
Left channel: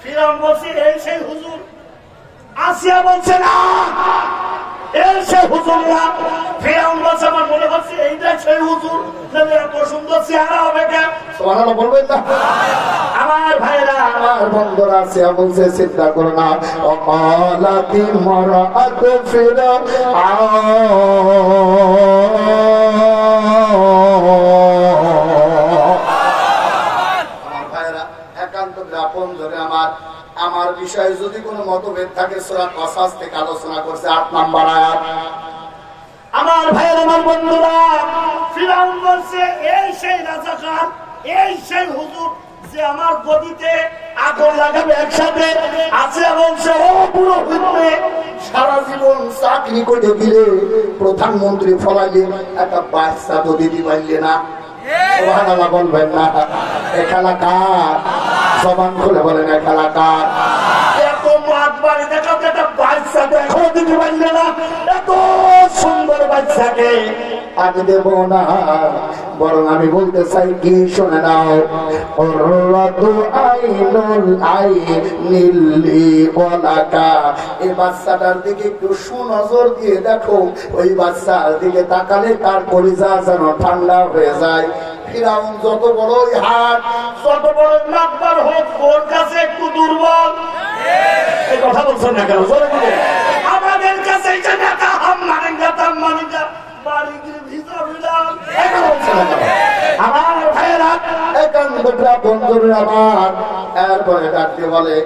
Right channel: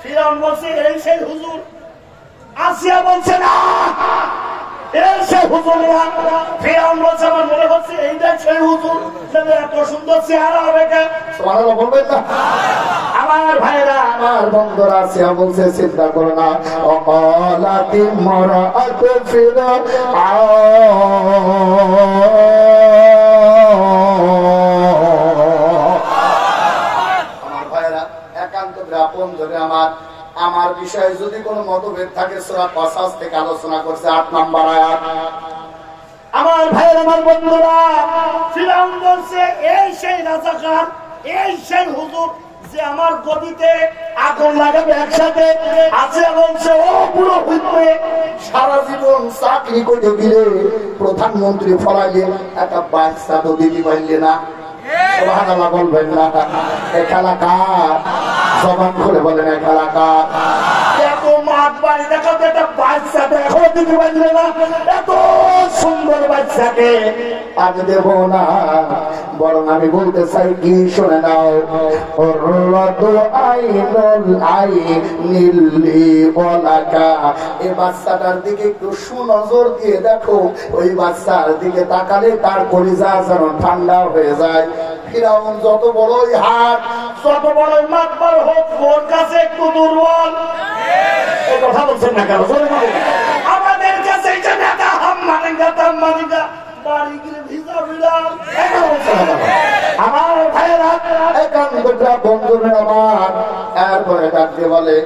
ফিরআউন বলছে, এই সেই হুজুর। আসিয়া বলছে, না সে হুজুর না। ফিরআউন বলছে, আমার মনে হচ্ছে এইটাই সেই হুজুর। এত সুন্দর চেহারা হবে কে? সুবহানাল্লাহ বলবেন না? আমার ভাইরা, আমার বন্ধুরা, আসিয়া বলছে, চিন্তা করো না। অকালাত ইমরাতু ফিরআউন। আমার ভাইরা, একান্ত আপন ধরে আমার বিষয়ে যদি কোনো মতভেদ থাকে, সূরা কসাস থেকে আলোচনা করছে 8 নম্বর আয়াত। আমার ভাইয়ের, আমার বন্ধুরা, ফিরআউন বলছে, এই সেই রাজাকার, এই সেই হুজুর যে আমার গদিতে আগুন লাগাবে একসাথে। আছে বলছে, ও পুরো হুজুরে সারা জীবন চাকরি করে দিলে, প্রধানমন্ত্রী ফলাইলে, একটা বাচ্চা তো দিতে পারলে না। সুবহানাল্লাহ বলবেন না? এক এলাকার জবান খুলে বলেন, এক এলাকার এত মাঠ বাড়ি দেখাতে একটা বাচ্চা দেখো দিতে পারলে না। এত সুন্দর বাচ্চাকে আমি দেব না, বরং আমি বলতে চাই কি, শুনে নাও। এই বাচ্চাটার দিকে একটু সুনজর দিয়ে দেখো। ওই বাচ্চার দিকে তাকালে তার কলিজা যেন ঠান্ডা হয়ে যায়। ফিরআউন যত বড়ই হাত, যত বড়ই মাতবার হোক, ওর কাছে একটু দুর্বল। এই কথা বলছেন না কেন? আমাদের কাছে এটা নেতা হাম মারেঙ্গা তাম মারেঙ্গা, বাড়ি গিয়ে ভিজা ভিড়াল। আমার ভাইয়েরা, একান্তটা বন্ধুরা আমার, এরপরে ডাকতে বলে,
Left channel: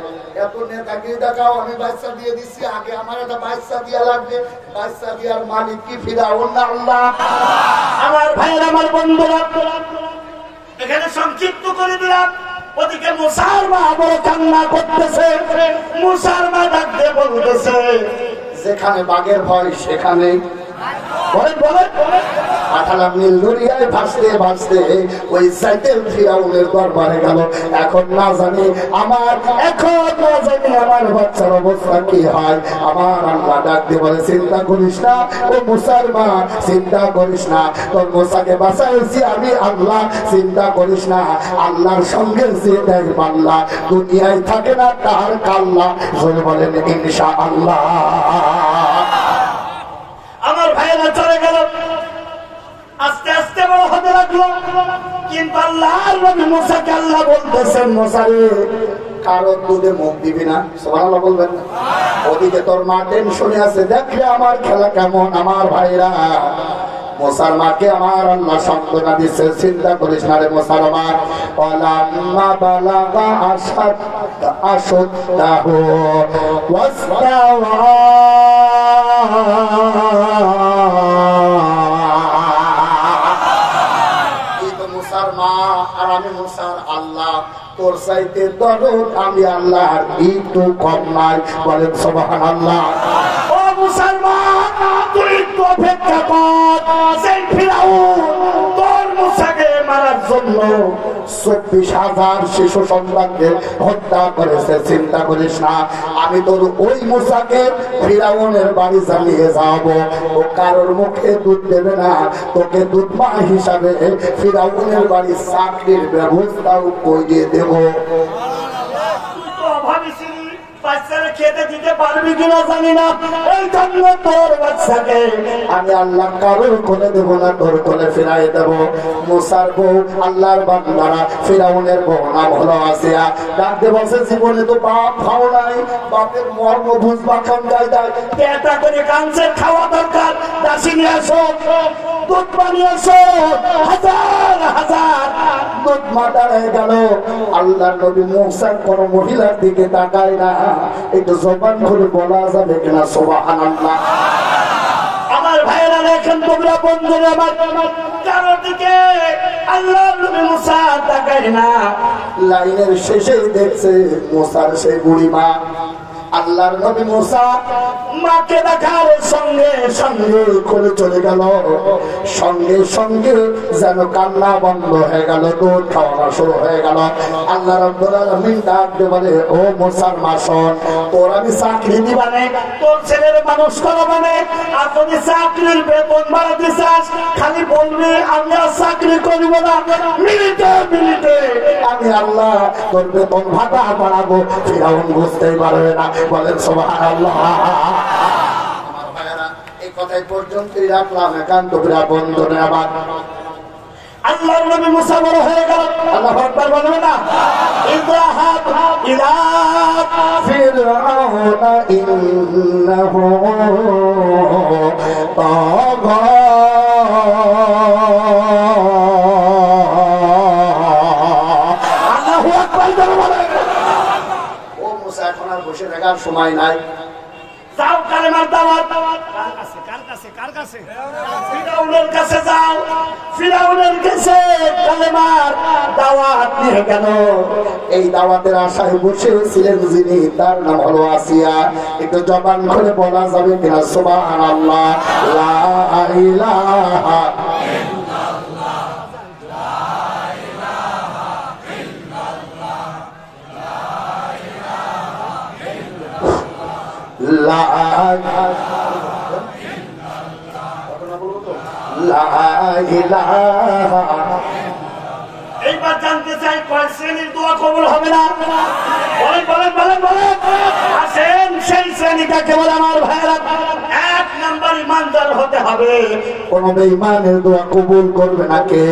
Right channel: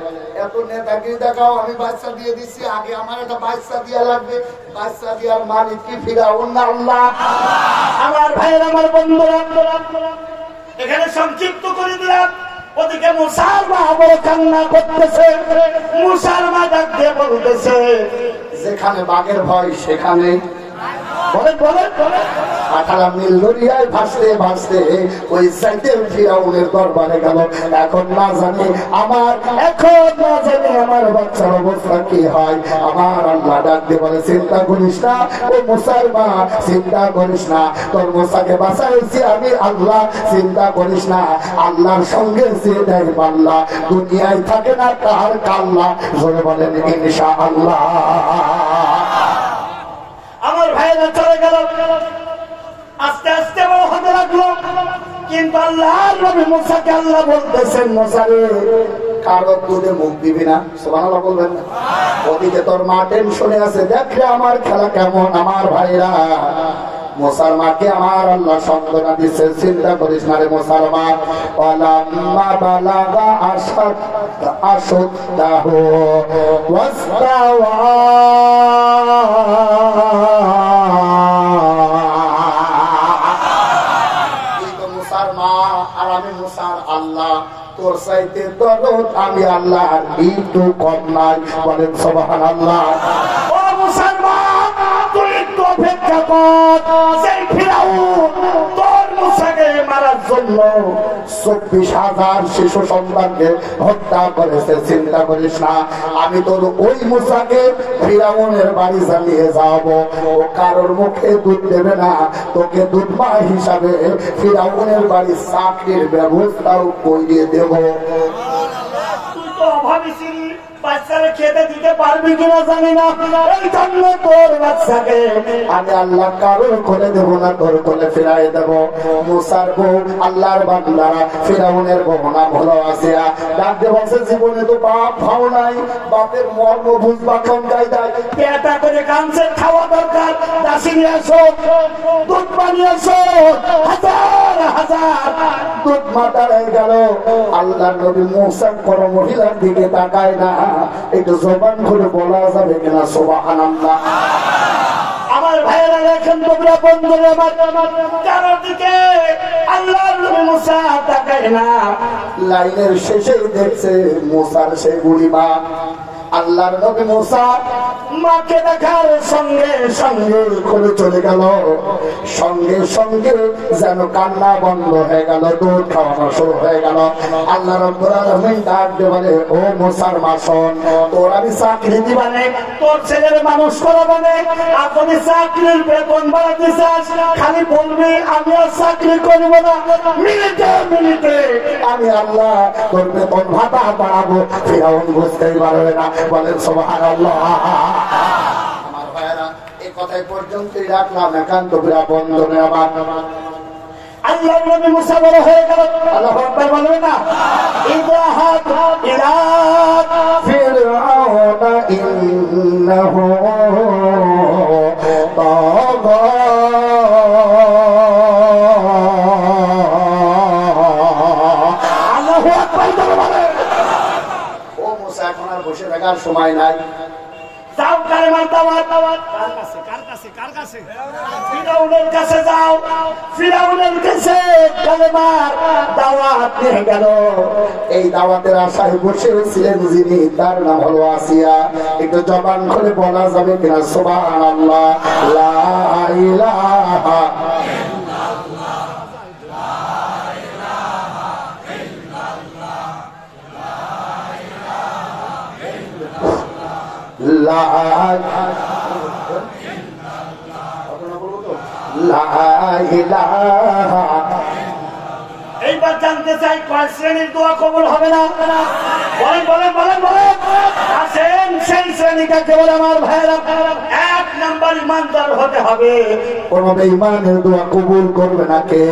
এত নেতাগিরি দেখাও, আমি বাচ্চা দিয়ে দিচ্ছি, আগে আমার একটা বাচ্চা দিয়া লাগবে। বাচ্চা দেওয়ার মালিক কি ফিরআউন না আল্লাহ? আমার ভাইয়েরা, আমার বন্ধুরা, এখানে সংক্ষিপ্ত করে দিলাম। ওদিকে মুসার মা বড় কান্না করতেছে। মুসার মা ডাক দিয়ে বলতেছে, যেখানে বাঘের ভয় সেখানে পাঠালাম নীল দরিয়ায় ভাসতে ভাসতে ওই সাইটের ফিরাউনের দরবারে গেল। এখন না জানি আমার বাচ্চার অবস্থা কি হয়। আমার আল্লাহ ডাক দিয়ে বলে, চিন্তা করিস না ও মুসার মা, চিন্তা করিস না, তোর মুসাকে বাঁচাইছি আমি আল্লাহ, চিন্তা করিস না। আল্লাহর সঙ্গে যেটাই পাল্লা দুনিয়ায় থাকে না তার কাল্লা। বলেন ইনশাআল্লাহ। আমার ভাইরা চলে গেল, আস্তে আস্তে বড় হতে লাগলো। কিন্তু আল্লাহর নবী মুসাকে আল্লাহ বলতেছেন, মুসা রে কারো দুধে মুখ দিবি না। সুবহানাল্লাহ বলবেন। ওদিকে তোর মা টেনশনে আছে, দেখে আমার খেলা কেমন। আমার ভাইরা মুসার মাকে আমার আল্লাহ সান্ত্বনা দিচ্ছে, চিন্তা করিস না রে মুসার মা। ওয়ালাম্মা বালাগা আশুদ্দাহু ওয়াস্তাওয়া আমি মুসার আল্লাহ, তোর চাইতে দরদ আমি আল্লাহ একটু কম নাই। বলেন সুবহানাল্লাহ। ও মুসলমান, তুই একটু অপেক্ষা কর। সেই ফিরাউন তোর মুসাকে মারার জন্য 24,000 শিশু সন্তানকে হত্যা করেছে। চিন্তা করিস না, আমি তোর ওই মুসাকে ফিরাউনের বাড়ি জ্বালিয়ে যাব। ও কারোর মুখে দুধ দেবে না, তোকে দুধমা হিসাবে ফিরাউনের বাড়ি চাকরির ব্যবস্থাও করিয়ে দেব। তুই তো অভাবী ছিলি, বাচ্চারা খেতে দিতে পারবি কিনা জানি না। এই জন্য তোর বাচ্চাকে আমি আল্লাহ কারোর কোলে দেবো না, তোর কোলে ফিরাই দেব। মুসার বউ আল্লাহর বান্দারা, ফিরাউনের বউ নাম হলো আসিয়া, ডাকতে বলছে, জীবনে তো বাপ খাও নাই, বাপের মর্ম বুঝবা কোন জায়গায়? পেটা করে কাঁদছে, খাওয়া দরকার, দাসী নিয়ে আসো, দুধ বানিয়ে আসো। হাজার হাজার দুধ মাতার হয়ে গেল। আল্লাহর নবী মুসার কোন মহিলার দিকে তাকায় না। একটু জবান খুলে বলা যাবে কিনা সুবহানাল্লাহ? আমার ভাইরা দেখেন, তোমরা বন্ধুরা আমার কারোর দিকে আল্লাহর নবী মুসা তাকায় না। লাইনের শেষেই দেখছে মুসার সেই বুড়ি মা। আল্লাহর নবী মুসা মাকে দেখার সঙ্গে সঙ্গে খুলে চলে গেল। সঙ্গে সঙ্গে যেন কান্না বন্ধ হয়ে গেল, দুধ খাওয়ানো শুরু হয়ে গেল। আল্লাহ রাব্বুল আলামিন ডাক দিয়ে বলে, ও মুসার মা শোন, তোর আমি চাকরি দিবানে, তোর ছেলের মানুষ করাবানে। আর যদি চাকরির বেতন বাড়াতে চাস, খালি বলবি আমি আর চাকরি করবো না, মিনিটে মিনিটে আমি আল্লাহ তোর বেতন ভাতা বাড়াবো। ফিরাউন বুঝতেই পারবে না। বলেন সুবহানাল্লাহ। আমার ভাইরা এই কথাই পর্যন্তই রাখলাম। একান্ত বিরা বন্ধনে আমার আল্লাহর নবী মুসা বড় হয়ে গেল। আল্লাহু আকবার বলবে না? ইযহাব ইলা ফিরআউনা ইন্নাহু তাগা। আল্লাহু আকবার বলে। ও মুসা, এখন আর বসে থাকার সময় নাই। যাও কালেমার দাওয়াত। কার কাছে? ফিরাউনের কাছে যাও। ফিরাউনের কাছে কালেমার দাওয়াত নিয়ে গেল। এই দাওয়াতের আশায় বসে ছিলেন যিনি, তার নাম হলো আসিয়া। একটু জবান খুলে বলা যাবে কিনা সুবহানাল্লাহ? লা ইলাহা এইবার জানতে চাই কয় শ্রেণীর দোয়া কবুল হবে না? আসেন সেই শ্রেণীটাকে বলে আমার ভাইয়েরা। এক নাম্বার ইমানদার হতে হবে। কোন বেঈমানের দোয়া কবুল করবে না কে?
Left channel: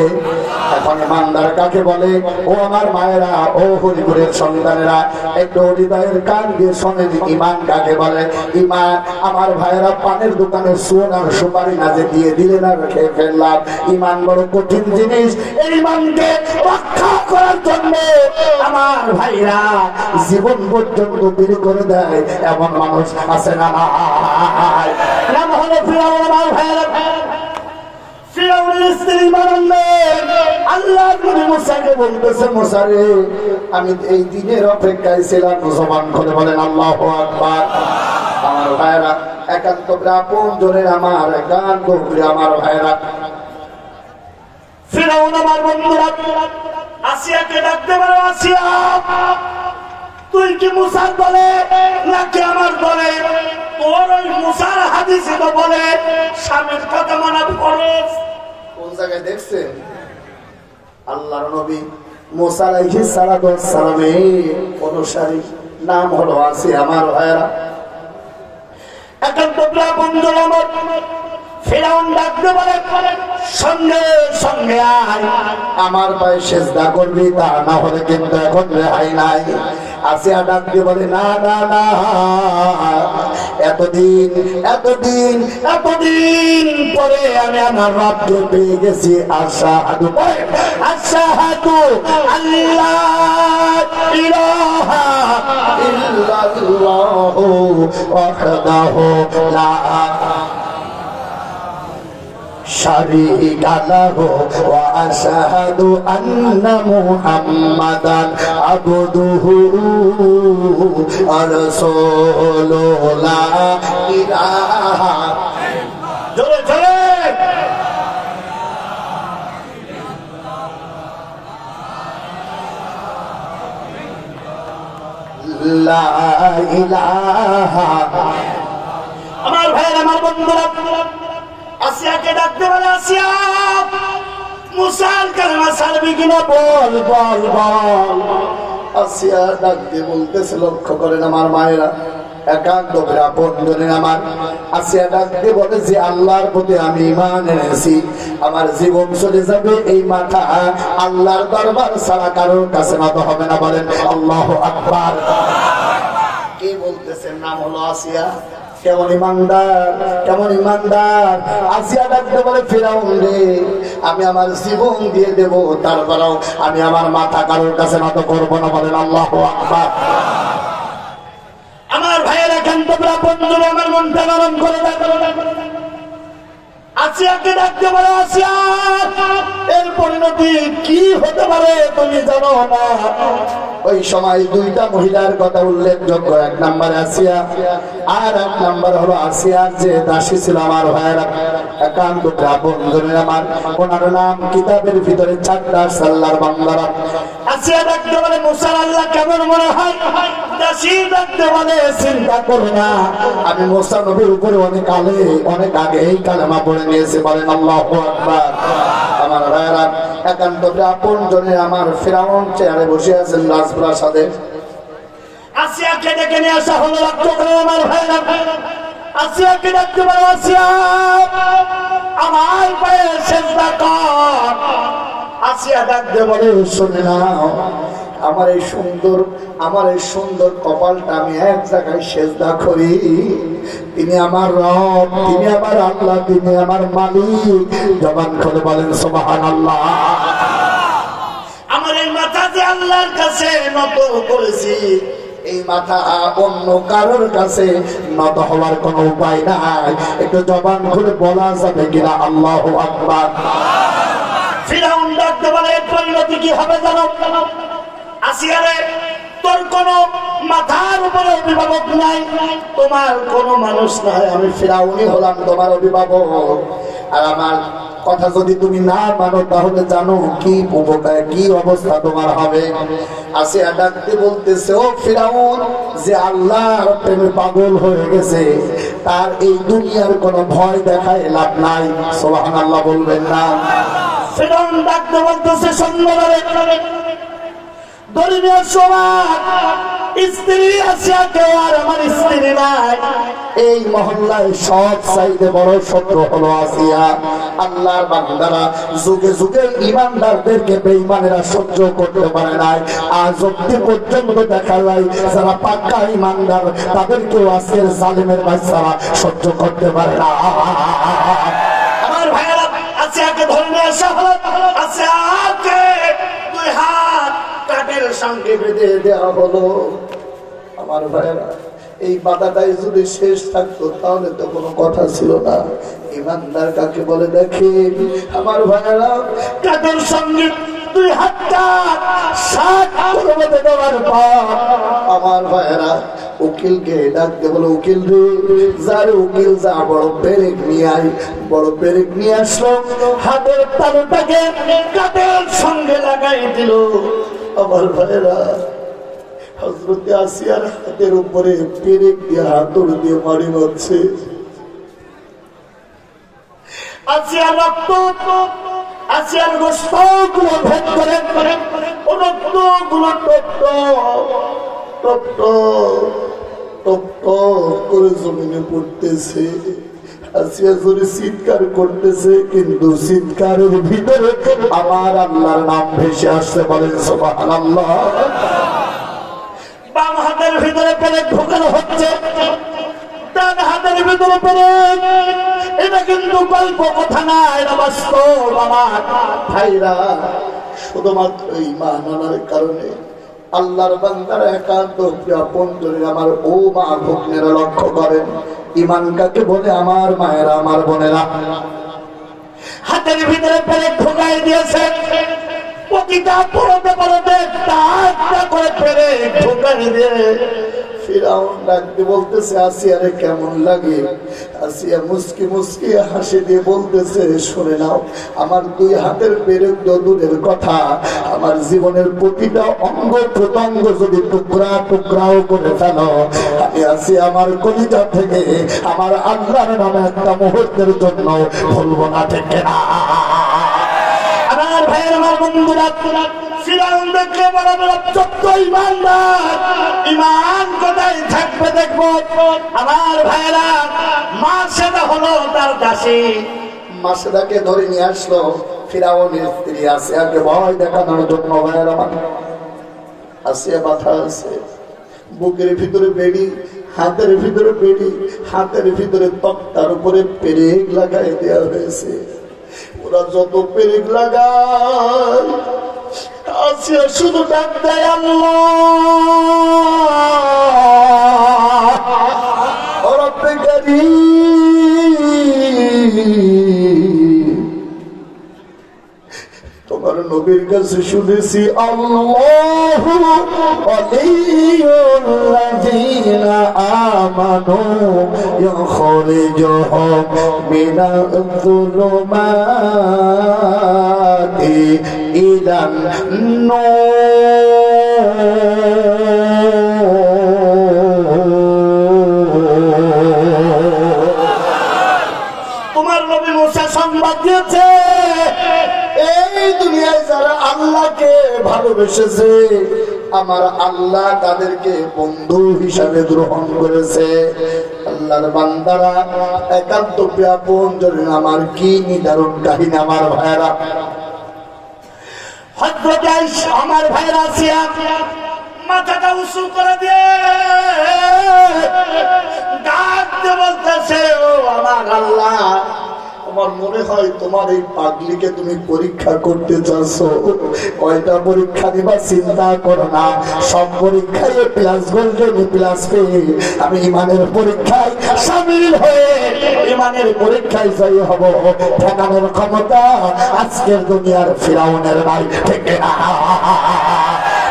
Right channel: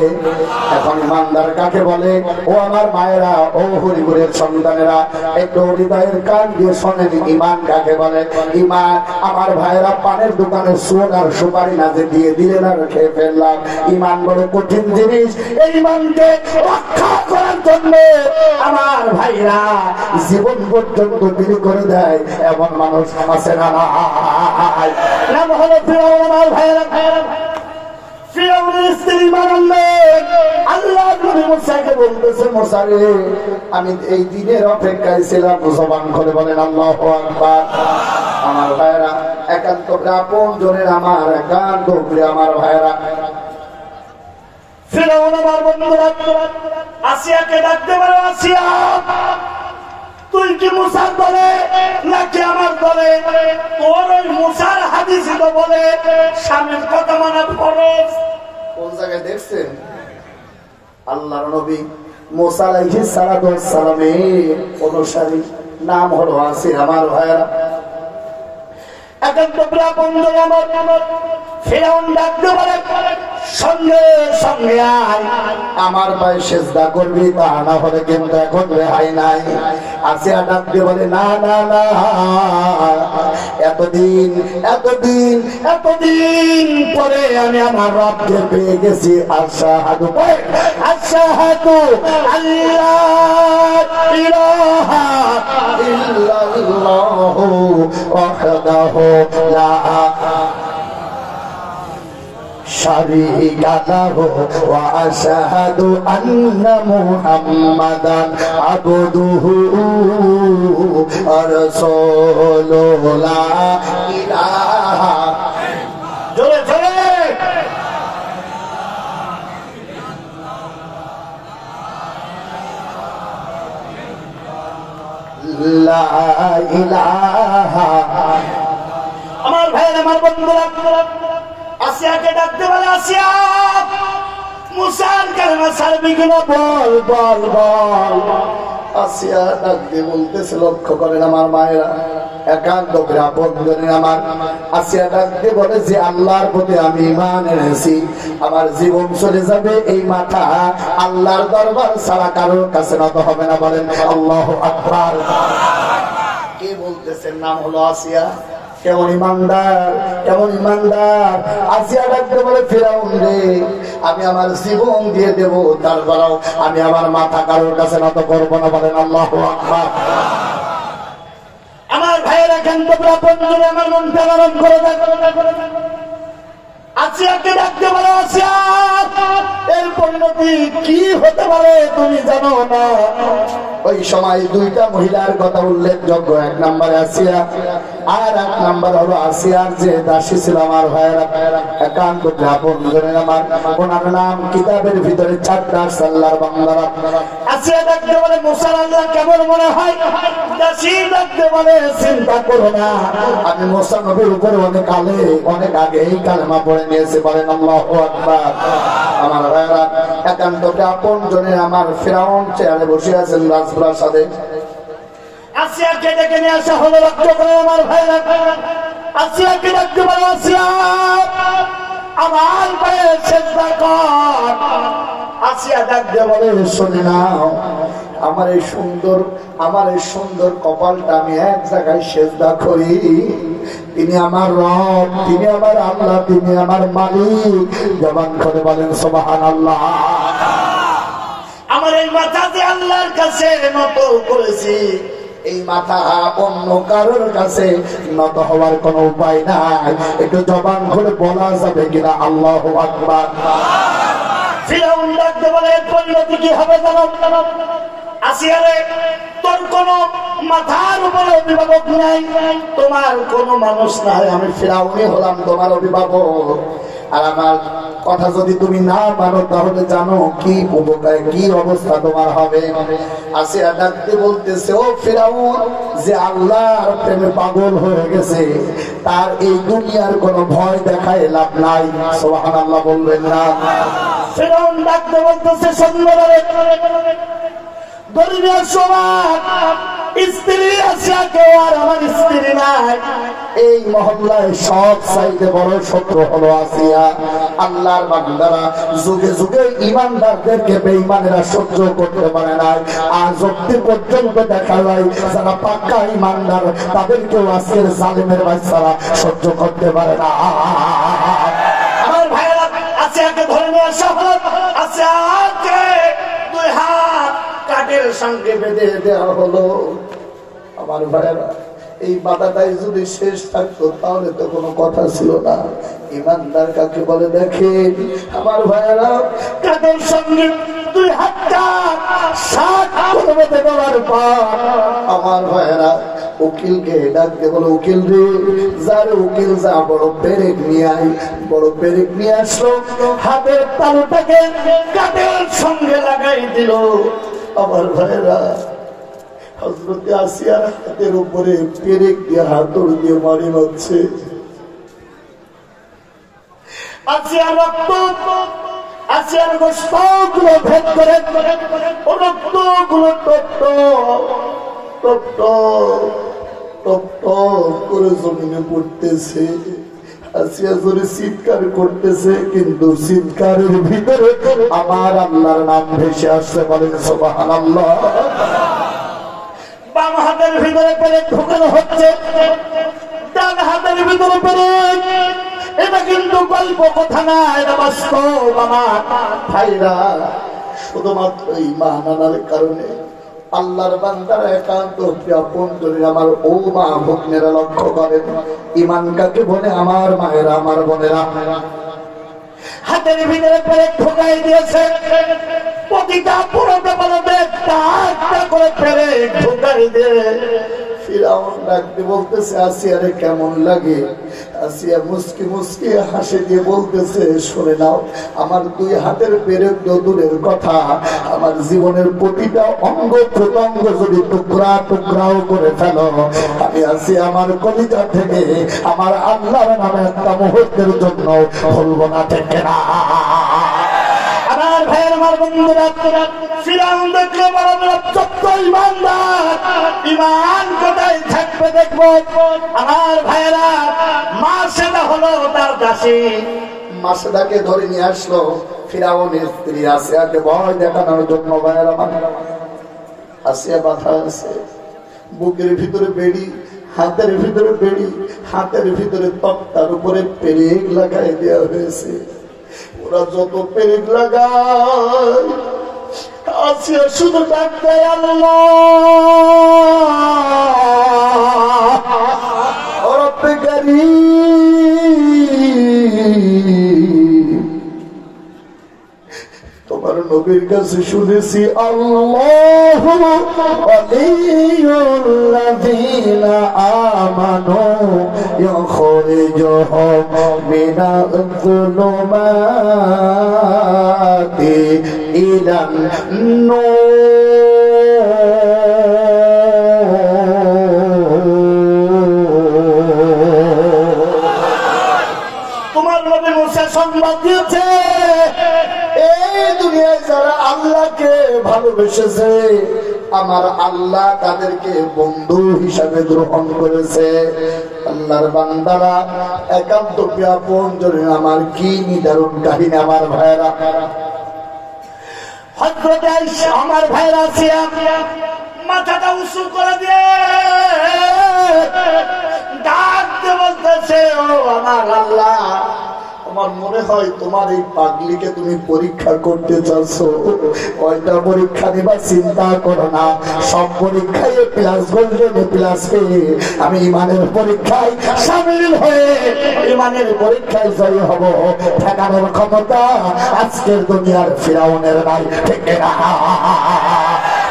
এখন ইমানদার কাকে বলে? ও আমার মায়েরা, ও হরিপুরের সন্তানেরা, একটু হৃদয়ের কান দিয়ে শোনেন, ইমান কাকে বলে? ইমান আমার ভাইয়েরা পানের দোকানে সুদ আর সুপারি না যে দিয়ে দিলেন আর খেয়ে ফেললাম। ইমান বড় কঠিন জিনিস। এই ইমানকে রক্ষা করার জন্য আমার ভাইরা জীবন পর্যন্ত দেরি করে দেয় এমন মানুষ আছে না? নাম হলো ফিরাউন। আমার ভাইরা, ফিরাউনের স্ত্রী ইমান আনলেন, আল্লাহর নবী মুসাকে বলতেছে, মুসা রে, আমি এই দিনের অপেক্ষায় ছিলাম। জবান খুলে বলেন আল্লাহু আকবার। আমার ভাইরা, একান্ত আপন জনের আমার, একান্ত আমার ভাইরা, ফিরআউন আমার বন্ধুরা আসিয়াকে ডাকতে পারে, আসিয়া তুই কি মুসার বলে নাকি আমার বলে? তোর ওই মুসার হাদিসে তো বলে স্বামীর কথা মানা ফরজ। কোন জায়গায় দেখছেন? আল্লাহর নবী মুসা আলাইহিস সালামের অনুসারী নাম হলো আসিয়া। আমার ভাইরা, একান্ত বন্ধু আমার, ফিরআউন ডাকতে বলে সঙ্গে সঙ্গে আয়, আমার পায়ে সেজদা করবি, তা না হলে কিন্তু এখন রেহাই নাই। আসিয়া ডাকতে বলে না না না, এতদিন এতদিন এতদিন পরে আমি আমার রবকে পেয়ে গেছি। আশহাদু আশহাদু আল্লাহ ইলাহা ইল্লাল্লাহু ওয়াহদাহু লা শারীকা লাহু ওয়া আশহাদু আন্না মুহাম্মাদান আবদুহু ওয়া রাসূলুহু লা ইলাহা জোরে জোরে লা ইলাহা। আমার ভাই, আমার বন্ধুরা, আসিয়াকে ডাকতে বলে, আসিয়া মুসার কালেমা ছাড়বি কিনা বল বল বল। আসিয়া ডাকতে বলতেছে, লক্ষ্য করেন আমার মায়েরা, একান্ত বন্ধুরা আমার, আসিয়া ডাকতে বলে যে আল্লাহর প্রতি আমি ঈমান এনেছি, আমার জীবন চলে যাবে, এই মাথা আল্লাহর দরবার ছাড়া কারোর কাছে নত হবে না। বলেন আল্লাহু আকবার। কে বলতেছেন? নাম হলো আসিয়া। কেমন ইমানদার, কেমন ইমানদার। আসিয়া ডাকতে বলে, ফিরআউন রে, আমি আমার জীবন দিয়ে দেব, তারপরেও আমি আমার মাথা কারোর কাছে নত করবো না। বলেন আল্লাহু আকবার। আমার ভাইয়েরা, কেন্দ্র বন্ধুরা, আমার মনটা নরম করে দেয়। আসিয়াকে ডাকতে বলে, আসিয়া এর পরিণতি কি হতে পারে তুমি জানো না? ওই সময় দুইটা মহিলার কথা উল্লেখযোগ্য, এক নম্বরে আসিয়া আর এক নম্বর হলো আসিয়ার যে দাসী ছিল। আমার ভাইয়েরা, একান্ত বন্ধুরা আমার, ওনার নাম কিতাবের ভিতরে 4টা সাল্লার বান্দারা। আসিয়া ডাকতে বলে, মুসা আল্লাহ কেমন মনে হয়? দাসী ডাকতে বলে, চিন্তা করো না, আমি মুসা নবীর উপর অনেক আগে এই কালেমা পড়ে নিয়েছি। বলেন আল্লাহু আকবার। আমার ভাইয়েরা, একান্ত আপন জনের আমার, ফিরআউন চেয়ারে বসে আছেন রাজপ্রাসাদে। আসিয়াকে ডেকে নিয়ে আসা হলো। লক্ষ্য করে আমার ভাইয়েরা, আসিয়াকে ডাকতে বলে, আসিয়া আমার পায়ে সেজদা কর। আসিয়া ডাকতে বলে, শুনে নাও, আমার এই সুন্দর কপালটা আমি এক জায়গায় সেজদা করি। তিনি আমার রব, তিনি আমার আল্লাহ, তিনি আমার মালিক। জবান করে বলেন সুবহানাল্লাহ। আমার এই মাথা যে আল্লাহর কাছে নত করেছি, এই মাথা অন্য কারোর কাছে নত হওয়ার কোন উপায় নাই। একটু জবান খুলে বলা যাবে কিনা আল্লাহু আকবার। ফিরআউন ডাকতে বলে, পরিণতি কি হবে জানো? আসিয়া রে, তোর কোন মাথার উপরে অভিভাবক নাই, তোমার কোন মানুষ নাই, আমি ফিরআউনই হলাম তোমার অভিভাবক। আর আমার কথা যদি তুমি না মানো, তাহলে জানো কি অবস্থা তোমার হবে। আসিয়া ডাকতে বলতেছে, ও ফিরআউন, যে আল্লাহর প্রেমে পাগল হয়ে গেছে, তার এই দুনিয়ার কোনো ভয় দেখায় লাভ নাই। সুবহানাল্লাহ বলবেন না? ফিরআউন ডাকতে বলতেছে, সুন্দরভাবে দলীয় সমাজ, স্ত্রী আসিয়া কেউ আর আমার স্ত্রী নাই। এই মহল্লায় সব চাইতে বড় শত্রু হলো আসিয়া। আল্লাহর বান্দারা যুগে যুগে ইমানদারদেরকে বেঈমানেরা সহ্য করতে পারে নাই। আজ অব্দি পর্যন্ত দেখা যায় যারা পাক্কা ইমানদার, তাদেরকেও আজকের জালেমের বাচ্চারা সহ্য করতে পারে না। আমার ভাইয়েরা, আসিয়াকে ধরে নিয়ে আসা হলো। আসিয়াকে 2 হাত কাঠের সঙ্গে বেঁধে দেওয়া হলো। আমার ভাইয়েরা, এই বাধাটাই যদি শেষ থাকতো তাহলে তো কোনো কথা ছিল না। ইমানদার কাকে বলে দেখেন আমার ভাইয়েরা, কাঠের সঙ্গে দুই হাতটা 7 পর্বতে বাবার পা। আমার ভাইরা উকিলকে ডাক দিয়ে বলে, উকিল রে, যার উকিল যা বড় পেরেক নিয়ে আয়। বড় পেরেক নিয়ে আসলো, হাতের তালুটাকে কাঁধের সঙ্গে লাগাই দিল। আমার ভাইরা হযরত আসিয়ার হাতের উপরে পেরেক দিয়ে হাতুড় দিয়ে মারি হচ্ছে। আসিয়ার রক্ত, আসিয়ার গোশতগুলো ভেদ করে রক্তগুলো টপ করে জমিনে পড়তেছে। আসিয়া জোরে চিৎকার করতেছে, কিন্তু চিৎকারের ভিতরে আমার আল্লাহর নাম ভেসে আসছে। বলেন সুবহানাল্লাহ। বাম হাতের ভিতরে পেরেক ঢোকানো হচ্ছে, ডান হাতের ভিতরে পেরেক। এটা কিন্তু গল্প কথা না, এটা বাস্তব। আমার ভাইরা, শুধুমাত্র ঈমান আনার কারণে আল্লাহর বান্দারা একান্ত আপনজনের আমার ও মা ভগ্নেরা লক্ষ্য করেন, ঈমান কাকে বলে? আমার মায়েরা, আমার বোনেরা, হাতের ভিতরে পেরেক ঢোকাই দিয়েছে। প্রতিটা পরতে পরতে একটা করে পেরেক ঢোকাই দিয়ে ফিরাউন ডাকতে বলতেছে, আসিয়ারে কেমন লাগে? আসিয়া মুস্কি মুস্কি হাসি দিয়ে বলতেছে, শুনে নাও, আমার 2 হাতের পেরেক দূরের কথা, আমার জীবনের প্রতিটা অঙ্গ প্রত্যঙ্গ যদি টুকরা টুকরাও করে ফেলো, আমি আসিয়া আমার কলিজা থেকে আমার আল্লাহর নামে একটা মুহূর্তের জন্য ভুলবো না। ঠিক না? আমার ভাইয়ের, আমার বন্ধুরা, ফিরাউন দেখলে বড় বড় চোদ্দ ইমানদার, ইমান কোথায় থাকবে দেখবো। আমার ভাইয়েরা, মাসেদা হলো তার দাসী। মাসেদাকে ধরে নিয়ে আসলো ফিরাউনের স্ত্রী আসিয়াকে ভয় দেখানোর জন্য। ভাইয়েরা, আসিয়া বাধা আছে, বুকের ভিতরে বেড়ি, হাতের ভিতরে বেড়ি, হাতের ভিতরে তক্তার উপরে পেরেক লাগাই দেওয়া হয়েছে। ওরা যত পেরেক লাগায়, আসিয়া শুধু ডাক দেয়, আল্লাহ রব্বে কারীম। তোমার নবীর কাছে শুনেছি, আল্লাহু ওয়ালিয়ুল্লাযীনা আমানু ইখরিজুহুম মিনাজ-যুলুমাতি ইলান-নূর। তোমার নবী মুসা সংবাদ দিয়েছে, এই দুনিয়ায় যারা আল্লাহকে ভালোবেসেছে, আমার আল্লাহ তাদেরকে বন্ধু হিসাবে গ্রহণ করেছে। আল্লাহর বান্দারা একান্ত আপনজনে আমার কি নিদারুণ কাহিনী। আমার ভাইরা, হযরত আয়েশা, আমার ভাইরা, আসিয়া মাথাটা উঁচু করে দিয়ে ডাক দিয়ে বলতেছে, ও আমার আল্লাহ, তোমার মনে হয় তোমার এই পাগলিকে তুমি পরীক্ষা করতে চাচ্ছ? কয়টা পরীক্ষা দিবা চিন্তা করো না, সব পরীক্ষায় প্লাস গোল্ডেন প্লাস পেয়ে আমি ইমানের পরীক্ষায় সামিল হয়ে ইমানের পরীক্ষায় জয়ী হব। ঠেকানোর ক্ষমতা আজকের দুনিয়ার ফিরাউনের নাই। ঠিক না?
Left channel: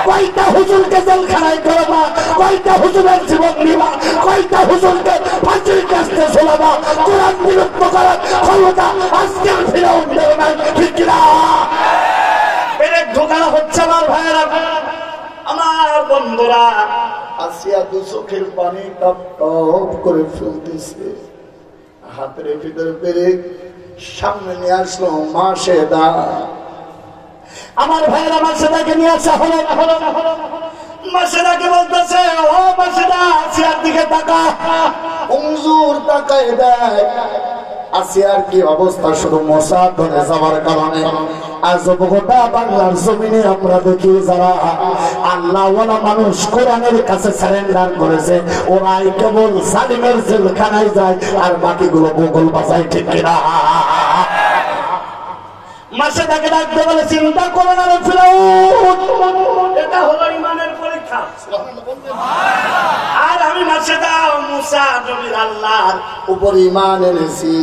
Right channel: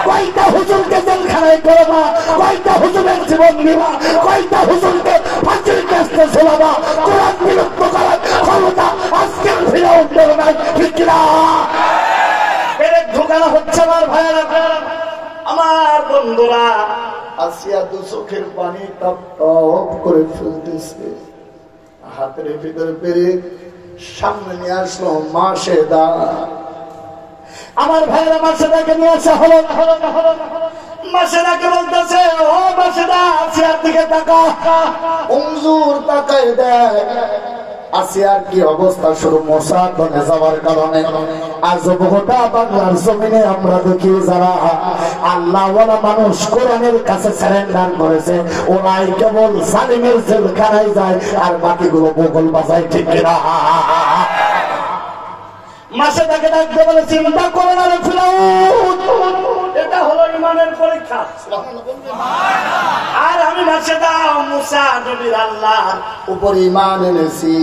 কয়টা হুজুরকে জেলখানায় করবা, কয়টা হুজুরের জীবন দিবা, কয়টা হুজুরকে ফাঁসির কাছে ঝোলাবা, কোরআন বিলুপ্ত করার ক্ষমতা আজকের ফিরাউনের নাই। ঠিক না? পেরেক ঢোকানো হচ্ছে। আমার ভাইয়েরা, আমার বন্ধুরা, আসিয়া তো চোখের পানি টপ টপ করে ফেলতেছে। হাতের ভিতরে পেরেক সামনে নিয়ে আসলো মাসেদা। আমার ভাইয়েরা, মাসেদাকে নিয়ে আসা হলো। মাসেদাকে বলতেছে, ও মাসেদা, আসিয়ার দিকে তাকা। হুজুর তাকায় দেয়, আসিয়ার কি অবস্থা। শুধু মোসাদ হয়ে যাওয়ার কারণে আজ গোটা বাংলার জমিনে আমরা দেখি, যারা আল্লাহওয়ালা মানুষ কোরআনের কাছে সারেন্ডার করেছে, ওরাই কেবল সালিমের জেলখানায় যায়, আর বাকিগুলো বগল বাজায়। ঠিক কিনা? মাসেদাকে ডাকতে বলে, চিন্তা করো না রে ফিরাউন, এটা হলো ইমানের পরীক্ষা। আর আমি মাসেদা মুসা নবীর আল্লাহর উপর ঈমান এনেছি,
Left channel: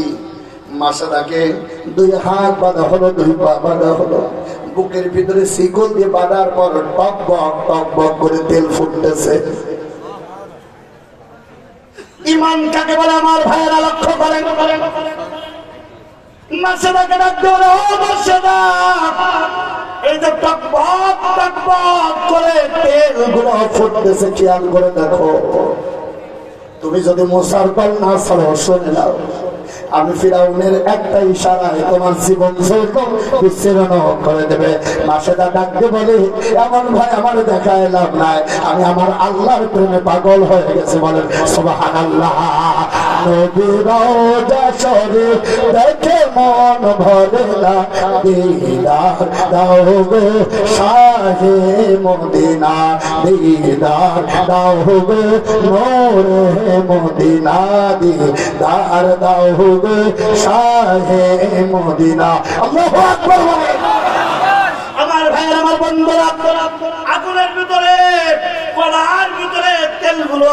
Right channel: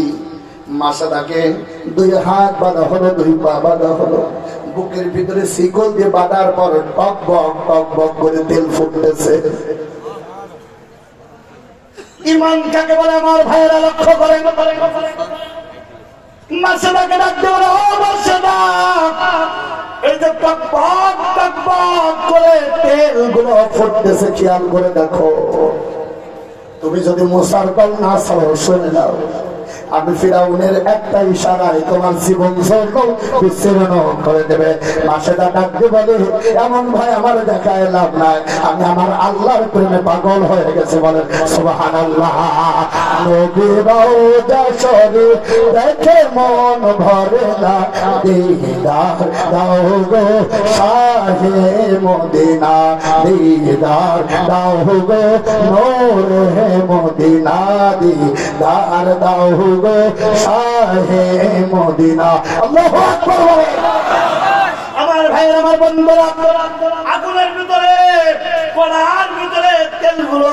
মাসাদাকে দুই হাত বাঁধা হলো, দুই পা বাঁধা হলো, বুকের ভিতরে শিকল দিয়ে বাঁধার পর টক বক করে তেল ফুটতেছে। ইমান কাকে বলে আমার ভাইয়েরা লক্ষ্য করে। মাসাদাকে ডাকতে বলে, ও মাসাদা, এই যে টক বক করে তেল গুলো ফুটতেছে, খেয়াল করে দেখো। তুমি যদি মুসার পাল না শুনে নাও, আমি ফিরাউনের একটা ইশারায় তোমার জীবন বিচ্ছিন্ন করে দেবে। মাসেদা ডাকতে বলে, এমন ভাই আমার দেখায় লাভ নাই, আমি আমার আল্লাহর প্রেমে পাগল হয়ে গেছে। বলে সুবহানাল্লাহ। নবীরাও যশোরে দেখে মন ভরে না, দিদার দাও গো শাহে মদিনা, দিদার দাও গো নূরে মদিনা, দিদার দাও গো শাহে মদিনা। আল্লাহু আকবার। আমার ভাইয়ের, আমার বন্ধুরা, আগুনের ভিতরে কড়ার ভিতরে তেলগুলো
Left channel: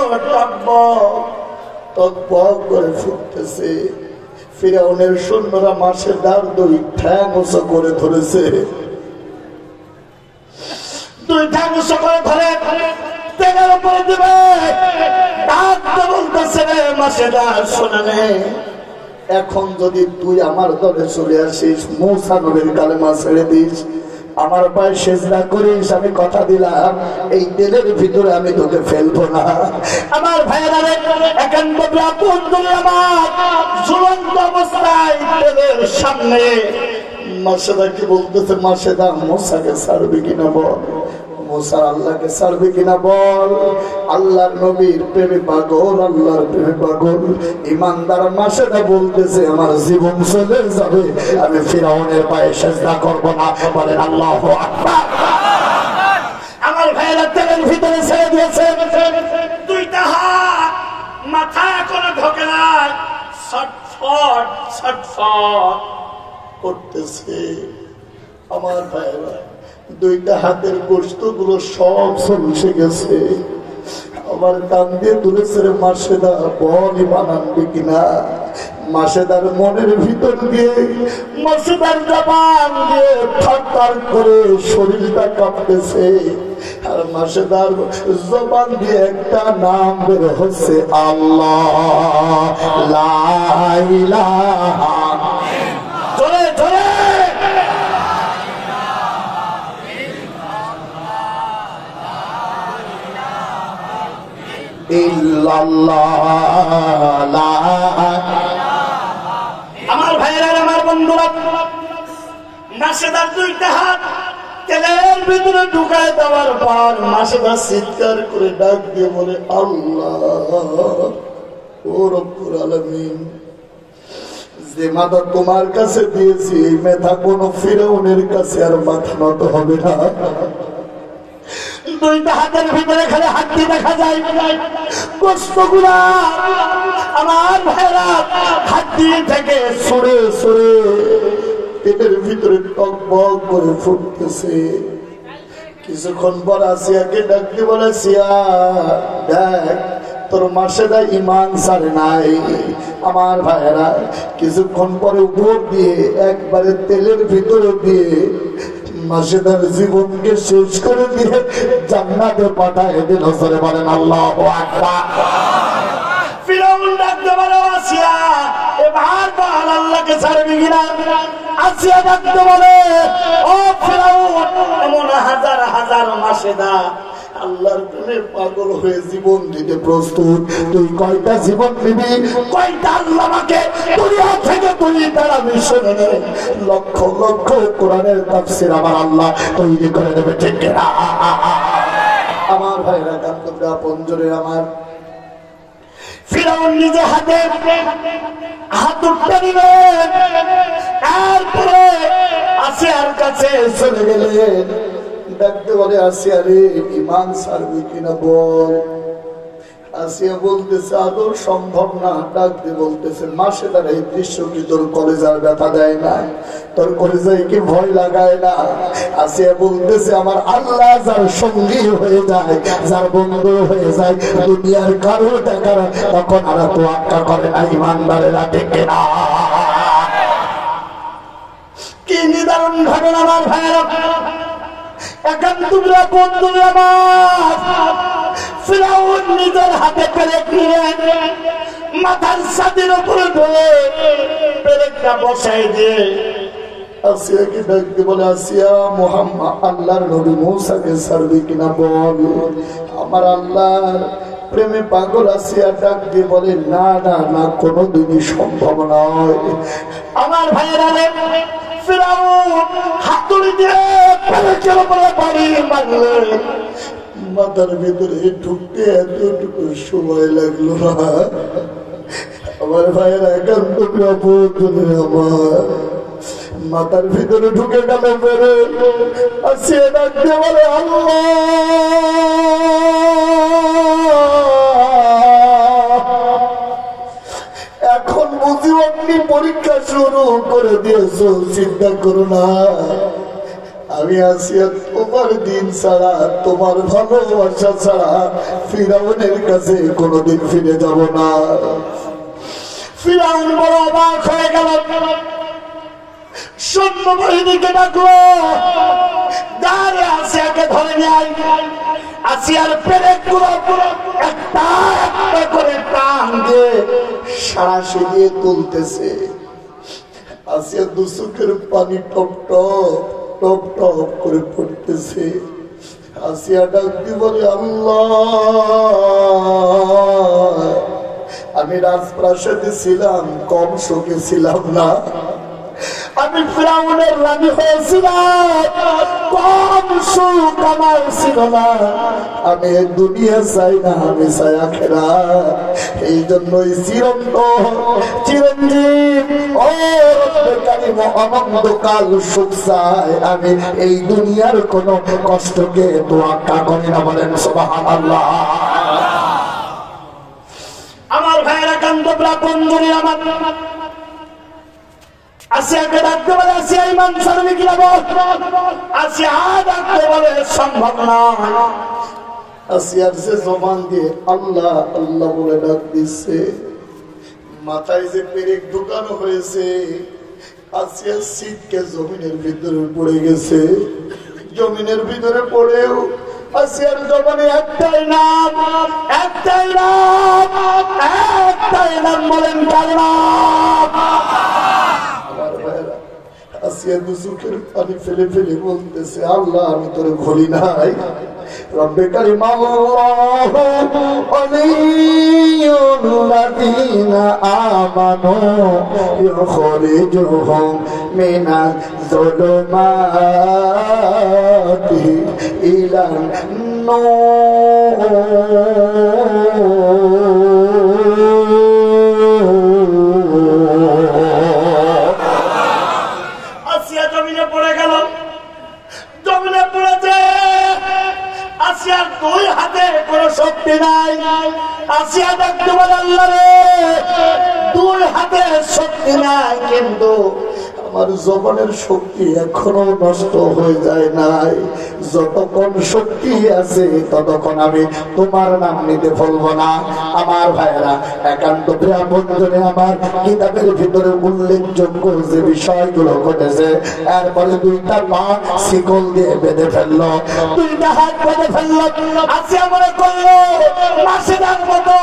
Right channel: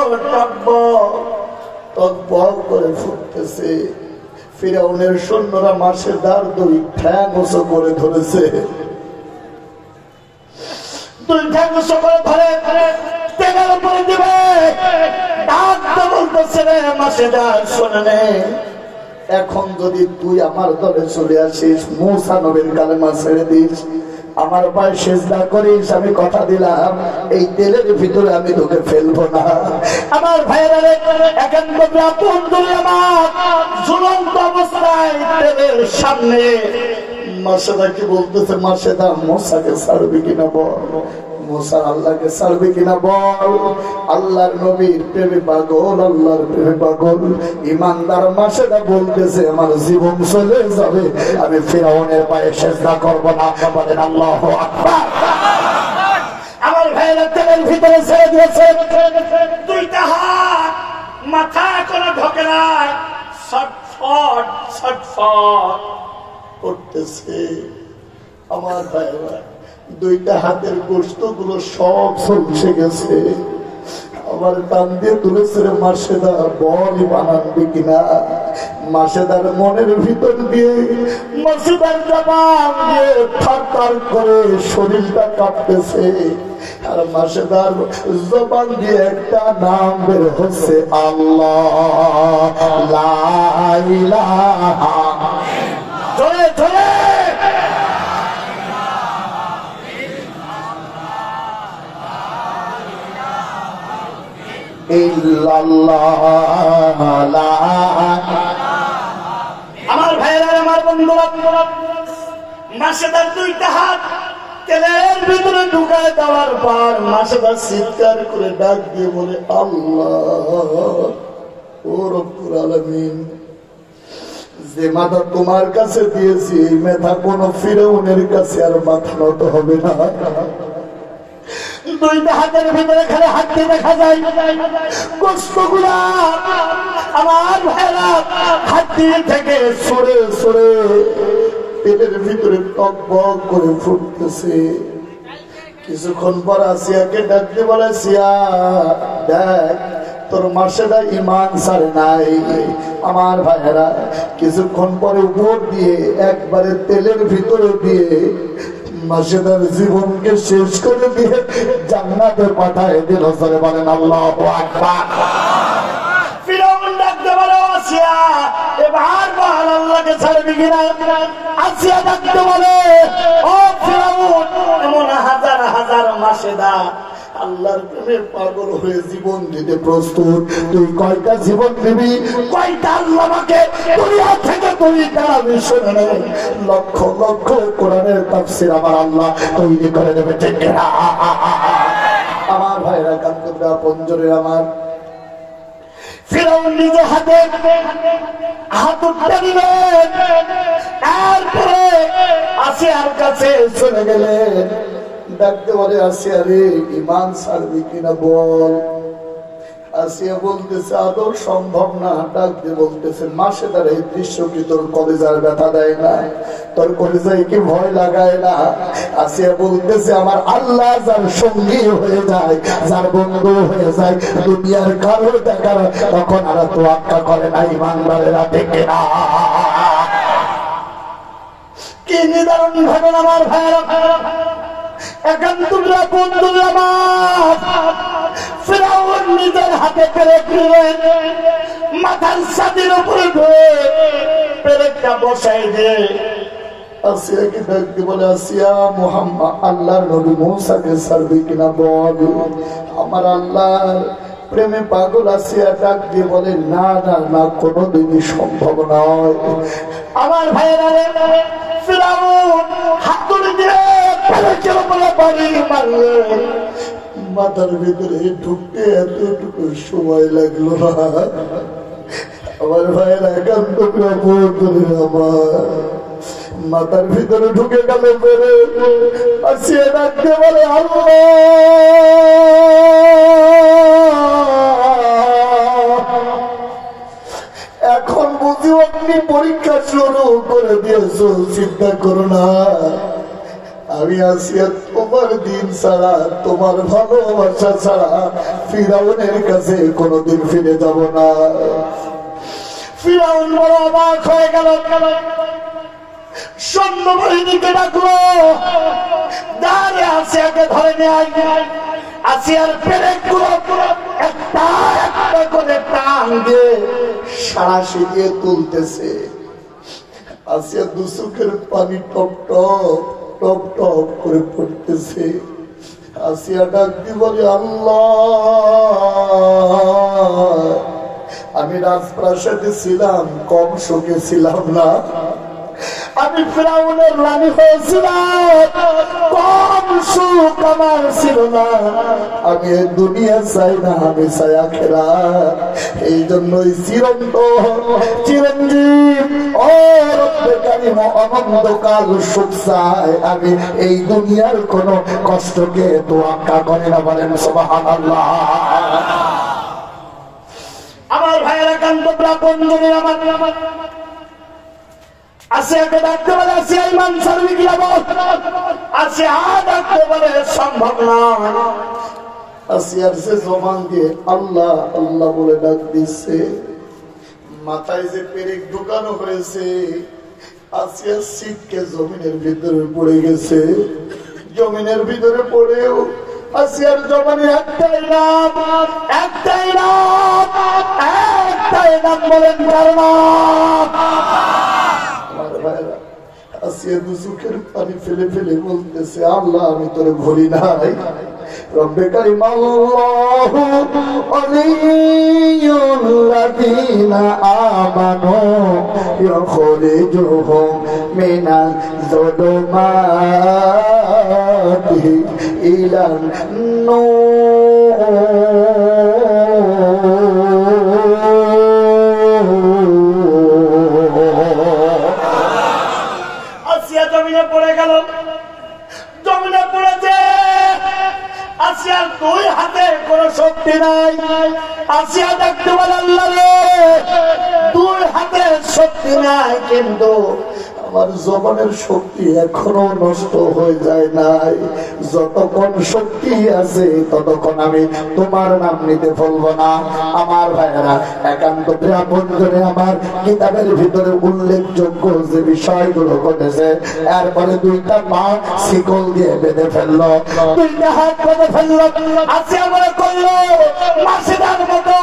টকবক করে ফুটতেছে। ফিরাউনের সৈন্যরা মাছের দাঁড় দুই ঠ্যাং উঁচু করে ধরেছে, দুই ঠ্যাং উঁচু করে ধরে তেলের উপরে দিবে। ডাকতে বলতেছে, রে মাছেরা শোনে নে, এখন যদি তুই আমার দলে চলে আসিস, মুসা নবীর কালেমা ছেড়ে দিস, আমার পায়ে সেজদা করিস, আমি কথা দিলাম এই তেলের ভিতরে আমি তোকে ফেলবো না। আমার ভাইয়েরা, একান্ত আমার ঝুলন্ত অবস্থায় তেলের সামনে মাসেদা কি বলতেছে, মাসেদা মুসাকে ছাড়বি কিনা বল, মুসা আল্লাহকে ছাড়বে কিনা বল। আল্লাহর নবীর প্রেমে পাগল, আল্লাহর প্রেমে পাগল ইমানদার মাসেদা বলতেছে, আমার জীবন চলে যাবে, আমি ফিরাউনের পায়ে সেজদা করব না। বলেন আল্লাহু আকবার। আমার ভাইয়েরা তেলের ভিতরে ছেড়ে দিয়েছে, দুইটা হাত মাথা কোনো ঢোকে না, ছটফট ছটফট করতেছে। আমার ভাইয়েরা, দুইটা হাতের গোস্ত গুলো সব চলছে গেছে। আবার কান দিয়ে তুলেছে, মাসেদা বলই বানানবে কিনা। মাসেদার মনের ভিতর দিয়ে, মাসেদার জবান দিয়ে থরথর করে শরীরটা কাঁপতেছে। আর মাসেদার জবান দিয়ে একটা নাম বের হচ্ছে, আল্লাহ লা ইলাহা। ধরে ধরে আমার ভাইয়েরা, আমার বন্ধুরা, মাসেদার দুইটা হাত তেলের ভিতরে ঢুকায় দেওয়ার পর মাসেদার চিৎকার করে ডাক দিয়ে বলে, আল্লাহ ও রব্বুল আলামিন, যে মাথা তোমার কাছে দিয়েছি, এই মাথা কোন ফিরাউনের কাছে আর মাথা নত হবে না। দুইটা হাতের ভিতরে খালি হাতটি দেখা যায়, গোস্তগুলা আমার ভাইরা হাতটি থেকে সরে সরে পেটের ভিতরে টকবক করে ফুটতেছে। কিছুক্ষণ পর আসিয়াকে ডাকতে বলে, সিয়া দেখ, তোর মাসেদা ইমান ছাড়ে নাই। আমার ভাইয়েরা, কিছুক্ষণ পরে উপর দিয়ে একবারে তেলের ভিতরে দিয়ে মাসেদার জীবনকে শেষ করে দিয়ে জান্নাতে পাঠায় দিল। সরে বলেন আল্লাহু আকবার। ফিরাউন ডাকতে বলে, আসিয়া এবার বল আল্লাহকে ছাড়বি কিনা। আসিয়া ডাকতে বলে, ও ফিরাউন, এমন হাজার হাজার মাসেদা আল্লাহর প্রেমে পাগল হয়ে জীবন দিতে প্রস্তুত, তুই কয়টা জীবন দিবি, কয়টা আল্লাহ আমাকে দুনিয়া থেকে তুই তাড়াবি। শুনে লক্ষ লক্ষ কোরআনের তাফসীর আমার আল্লাহ তৈরি করে দেবে, ঠিক না? আমার ভাইরা, কান্তরা পঞ্জরে আমার ফিরাউন নিজে হাতে হাত উঠতে দিলেন, তারপরে আসিয়ার কাছে চলে গেলেন। ডাকতে বলে, আসিয়া রে, ইমান ছাড়বি কিনা বল। আসিয়া বলতেছে, আদৌ সম্ভব না। ডাকতে বলতেছে, মাসেদার এই দৃশ্য কি তোর কলেজার ব্যথা দেয় না, তোর কলেজায় কি ভয় লাগায় না? আসিয়া বলতেছে, আমার আল্লাহ যার সঙ্গী হয়ে যায়, যার বন্ধু হয়ে যায়, দুনিয়ার কারো দেখার তখন আর তো আক্কা করে না। ইমানদারেরা, ঠিক না? কি নিদারুণ ঘটনা আমার ভাইরা, একান্তরা বন্ধুরা আমার, ফিরাউন নিজের হাতে পেরেক নিয়ে মাথার ছাদের উপরে ধরে পেরেকটা বসাই দিয়ে আসিয়াকে ডাকতে বলে, আসিয়া মুহাম্মদ আল্লাহর নবী মূসাকে ছাড়বি কিনা বল। আমার আল্লাহর প্রেমে পাগল আসিয়া ডাক দিয়ে বলে, না না না, কোনোদিনই সম্ভব নয়। আমার ভাইয়েরা রে, ফিরাউন হাতুড়ি দিয়ে পেরেকের উপরে বাড়ি মারলেন, মাথার ভিতরে ঢুকতে এতটুকু সময় লাগলো না। আমার ভাইয়েরা একান্ত আমার মাথার ভিতরে ঢুকে গেল পরে আসিয়া ডাকতে বলে, আল্লাহ এখন বুঝি অগ্নি পরীক্ষা শুরু করে দিয়েছ, চিন্তা করো না, আমি আসিয়া তোমার দিন ছাড়া, তোমার ভালোবাসা ছাড়া ফিরাউনের কাছে কোনোদিন ফিরে যাব না। ফিরাউন বড় অবাক হয়ে গেল, সৈন্যবাহিনীকে ডাকলো, দাঁড়ে আসিয়াকে ধরে নেয়। আসিয়ার পেরেকগুলো একটা একটা করে টান দিয়ে সাঁড়াশি দিয়ে তুলতেছে। আসিয়া দু চোখের পানি টপ টপ টপ টপ করে পড়তেছে। আসিয়া ডাক দিয়ে বলে, আল্লাহ আমি রাজপ্রাসাদে ছিলাম, কম সুখে ছিলাম না। আমি ফিরাউনের রানী হয়েছিলাম, কম সুখ আমার ছিল না। আমি দুনিয়া চাই না, আমি চাই আখিরাত। এই জন্যই চিরঞ্জীব ও রব্বে কারীম অনন্তকাল সুখ চাই। আমি এই দুনিয়ার কোন কষ্টকে তোয়াক্কা করি না। বলেন সুবহানাল্লাহ। আমার ভাইয়েরা কান্তরা বন্ধুরা আমার, আসিয়াকে ডাকতে বলে, আসিয়া ইমান ছাড়বি কিনা বল। আসিয়া ডাকতে বলে, সম্ভব নয়। আসিয়ার সে জবান দিয়ে আল্লাহ আল্লাহ বলে ডাক দিচ্ছে। মাথায় যে পেরেক ঢুকানো হয়েছে, আসিয়ার সিটকে জমিনের ভিতরে পড়ে গেছে। জমিনের ভিতরে পড়েও আসিয়ার জবানে একটাই নাম, একটাই নাম, একটাই নাম। বলেন কার নাম? আসিয়া দুচোখের পানি ফেলে ফেলে বলতেছে, আল্লাহ আমি তোর ভুলি নাই। রব্বে কারীম আল্লাহু আলিয়্যুল্লাযীনা আমানু ইউখরিজুহুম মিনাজ যুলুমাতি ইলান নূর। জমিনে পড়ে গেল, জমিনে পড়েছে। আসিয়ার দুই হাতে কোনো শক্তি নাই। আসিয়া দেখতে বলে, আল্লাহ রে, দুই হাতে শক্তি নাই, কিন্তু আমার জবানের শক্তি এখনো নষ্ট হয়ে যায় নাই। যতক্ষণ শক্তি আছে ততক্ষণ আমি তোমার নাম নিতে বলবো না। আমার ভাইয়েরা, একান্ত বন্ধুরে আমার, কিতাবের ভিতরে উল্লেখযোগ্য যে বিষয়গুলো ঘটেছে, এরপরে দুইটা পা শিকল দিয়ে বেঁধে ফেললো, দুইটা হাত বেঁধে ফেললো। আসিয়া মনে করলো মাসিদার মতো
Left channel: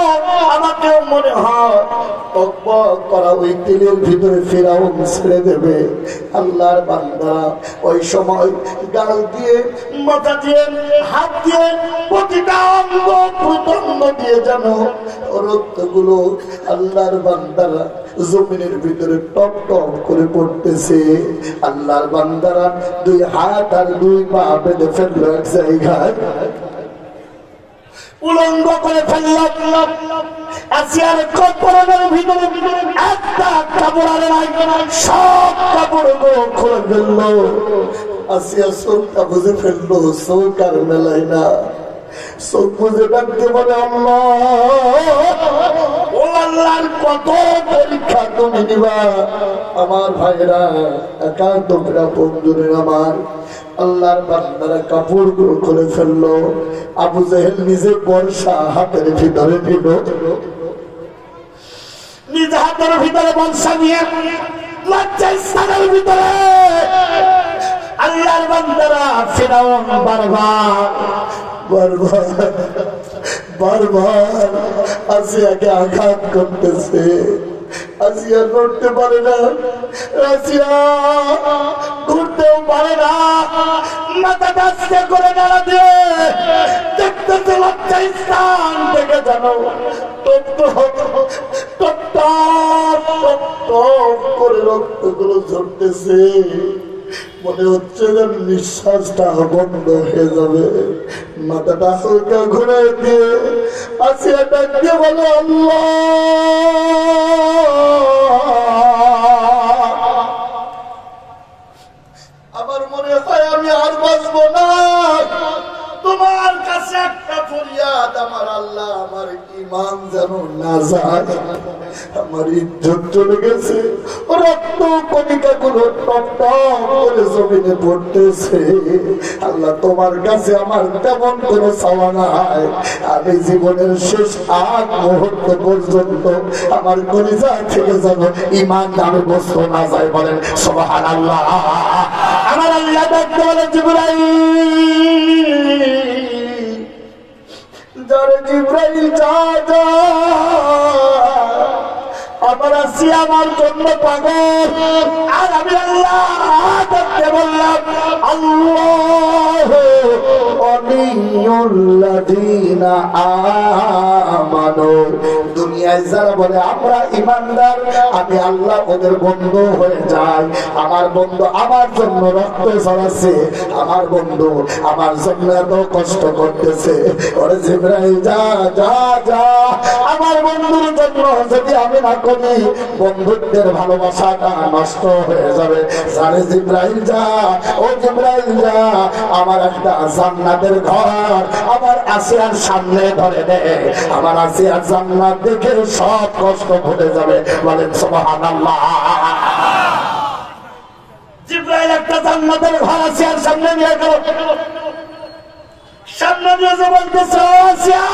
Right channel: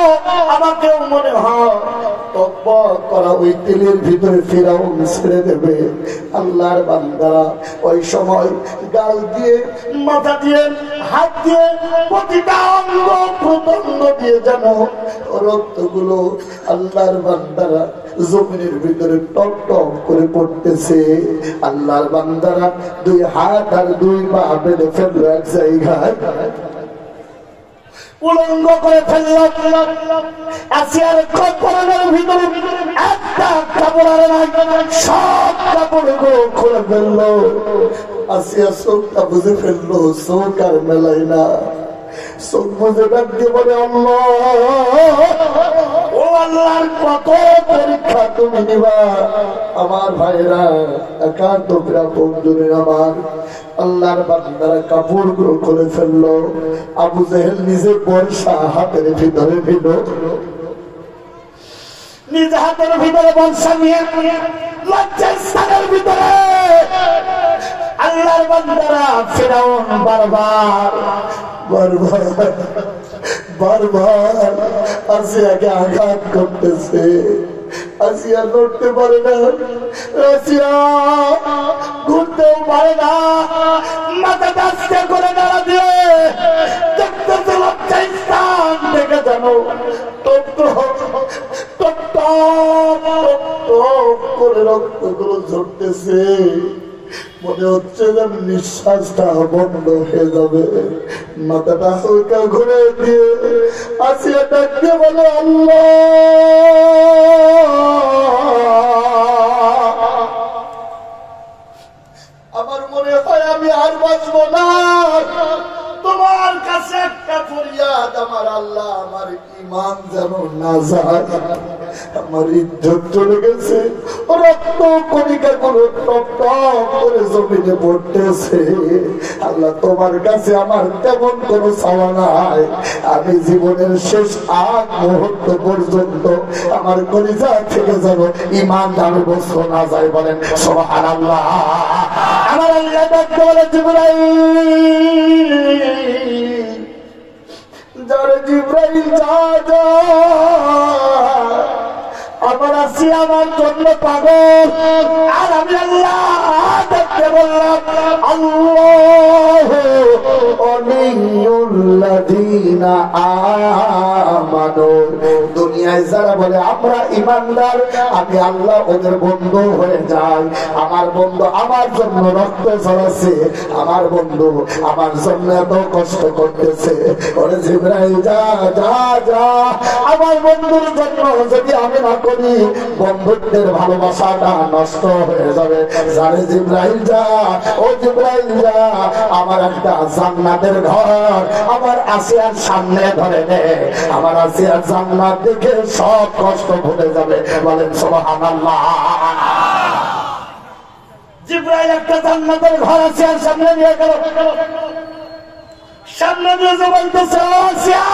আমাকেও মনে হয় করা ওই তেলের ভিতরে ফিরাউন ছেড়ে দেবে। আল্লাহর বান্দারা ওই সময় গাল দিয়ে, মাথা দিয়ে, হাত দিয়ে, প্রতিটা অঙ্গ প্রত্যঙ্গ দিয়ে যেন রক্তগুলো আল্লাহর বান্দারা জমিনের ভিতরে টপ টপ করে পড়তেছে। আল্লাহর বান্দারা দুই হাত আর দুই পা বেঁধে ফেললো এক জায়গায়, উলঙ্গ করে ফেলল। আসিয়ার কপড়ের ভিতরে একটা কাপড় আর নাই, সব কাপড় খুলে ফেলল। আসিয়া চোখটা বুঝে ফেললো, চোখ আর মেলায় না। চোখ বুঝে ডাকতে বলে, আল্লাহ ও আল্লাহর কত পরীক্ষা তুমি নিবা। আমার ভাইয়েরা, একান্ত বন্ধুদের আমার, আল্লাহর বান্দারা কাপড় গুলো করে ফেললো। আবু জাহেল নিজে বর্ষা হাতের ভিতরে নিল, নিজ হাতের ভিতরে বর্ষা নিয়ে লজ্জাস্থানের ভিতরে আল্লাহর বান্দারা ফিরাউন বারবার আসিয়াকে আঘাত করতেছে। আসিয়া লড়তে পারে না, রাশিয়া ঘুরতেও পারে না, মাথাটা আস্তে করে নাড়া দিয়ে দেখতে লজ্জা স্থান থেকে জানো টপ করে রক্তগুলো ঝরতেছে। মনে হচ্ছে যেন নিঃশ্বাসটা বন্ধ হয়ে যাবে। মাথাটা হালকা ঘুরে দিয়ে আসিয়া ডাকতে বলে, আল্লাহ আমার মনে হয় আমি আর বাঁচবো না। তোমার কাছে একটা ফরিয়াদ, আমার আল্লাহ আমার ঈমান যেন না যায়। আমার ইজ্জত চলে গেছে, রক্ত কণিকা গুলো টপ টপ করে জমিনে পড়তেছে। আল্লাহ তোমার কাছে আমার তেমন কোন চাওয়া নাই। আমি জীবনের শেষ আগ মুহূর্ত পর্যন্ত আমার কলিজা থেকে যেন ঈমান আমি বস্তু না যায়। বলেন সুবহানাল্লাহ। আমার আল্লাহ ডাকতে বলে, জিবরাইল জিবরাইল যা, আমার আসিয়া আমার জন্য পাগল। আর আমি আল্লাহ দেখতে বললাম, আল্লাহ ওয়ালিউল্লাযীনা আমানু। দুনিয়ায় যারা বলে আমরা ঈমানদার, আমি আল্লাহ ওদের বন্ধু হয়ে যাই। আমার বন্ধু আমার জন্য রক্ত ঝরাচ্ছে, আমার বন্ধু আমার জন্য এত কষ্ট করতেছে। ওরে জিবরাইল যা যা যা, আমার বন্ধুর জন্য যদি আমি না করি বন্ধুত্বের ভালোবাসাটা নষ্ট হয়ে যাবে। সারে জিবরাইল যা, ও জিবরাইল যা, আমার একটা জান্নাতের ঘর আমার আসিয়ার সামনে ধরে দে। আমার আসিয়ার জান্নাত দেখে সব কষ্ট ভুলে যাবে। বলেন সুবহানাল্লাহ। জিবরাইল একটা জান্নাতের ঘর আসিয়ার সামনে নিয়ে গেল। সামনে দিয়ে যে বলতেছে, আসিয়া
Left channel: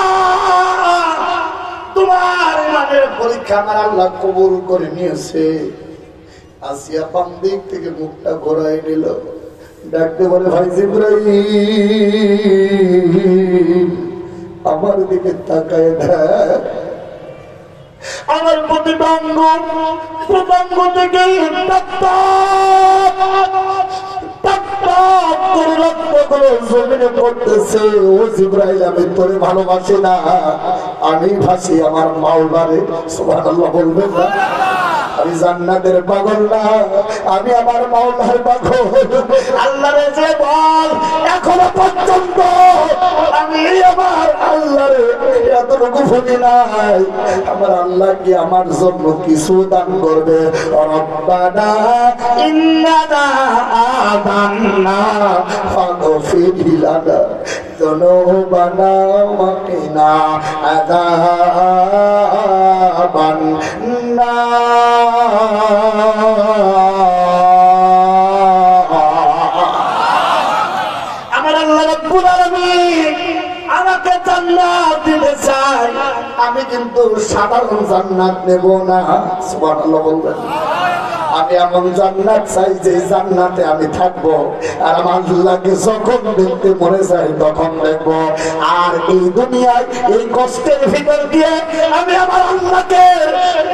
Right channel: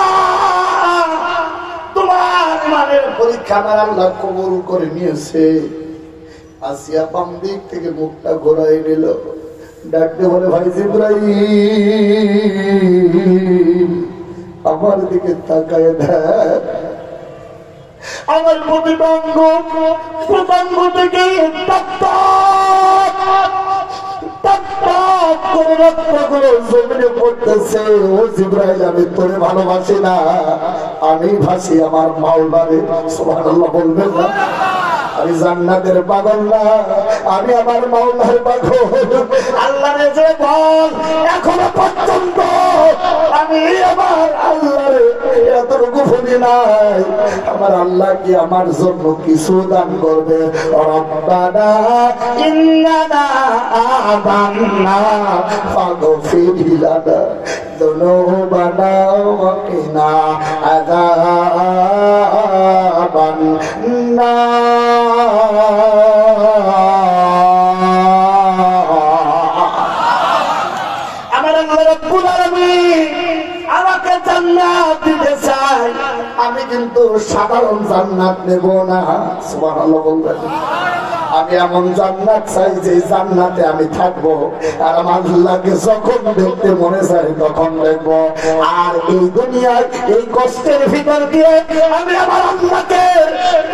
তোমার ইমানের পরীক্ষা আমার আল্লাহ কবুল করে নিয়েছে। আসিয়া বাম দিক থেকে মুখটা ঘোরাই নিল, ডাকতে বলে, ভাই জিবরাইল আমার দিকে তাকায় দেখ। আমার প্রতিটা অঙ্গ থেকে আমি তোরে ভালোবাসি না, আমি ভাসি আমার মাওলারে। সুবহানাল্লাহ বলবেন না? আমি জান্নাতের পাগল না, আমি আমার মাওলার পাগল। আল্লাহরে যে বল এখনো পর্যন্ত আমি আমার আল্লাহরে এতটুকু ভুলি নাই। আমার আল্লাহ কি আমার জন্য কিছু দান করবে? রব্বানা ইন্নানা আমান্না ফাগফির লানা যুনুবানা ওয়া কিনা আযাবান নার। আমার আল্লাহ রাব্বুল আলামিন আমাকে জান্নাত দিতে চাই, আমি কিন্তু সাধারণ জান্নাত নেব না। সুবহানাল্লাহ বলবেন। আমি এমন জান্নাত চাই যে জান্নাতে আমি থাকবো, আর আমার আল্লাহকে যখন দেখতে মনে চাই তখন দেখবো। আর এই দুনিয়ায় এই কষ্টের ভিতর দিয়ে আমি আমার আল্লাহকে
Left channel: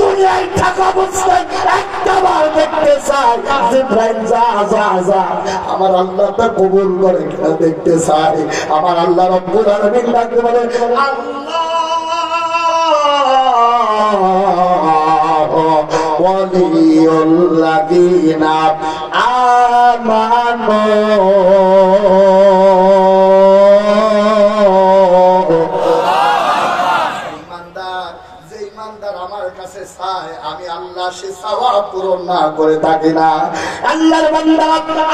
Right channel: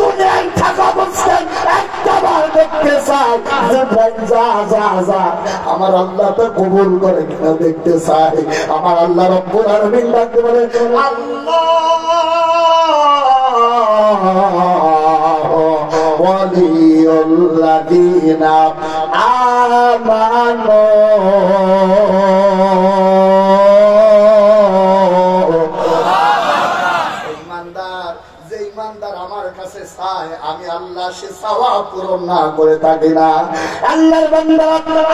দুনিয়ায় থাকা অবস্থায় একটাবার দেখতে চাই। জিবরাইল যা যা যা, আমার আল্লাহটা কবুল করে কিনা দেখতে চাই। আমার আল্লাহ রব্বুল আলামিন ডাকতে বলে, আল্লাহ ওয়ালিউল্লাযীনা আমানু। ইমানদার আমার কাছে চায়, আমি আল্লাহ সে চাওয়া পূরণ না করে থাকি না। আল্লাহর বান্দা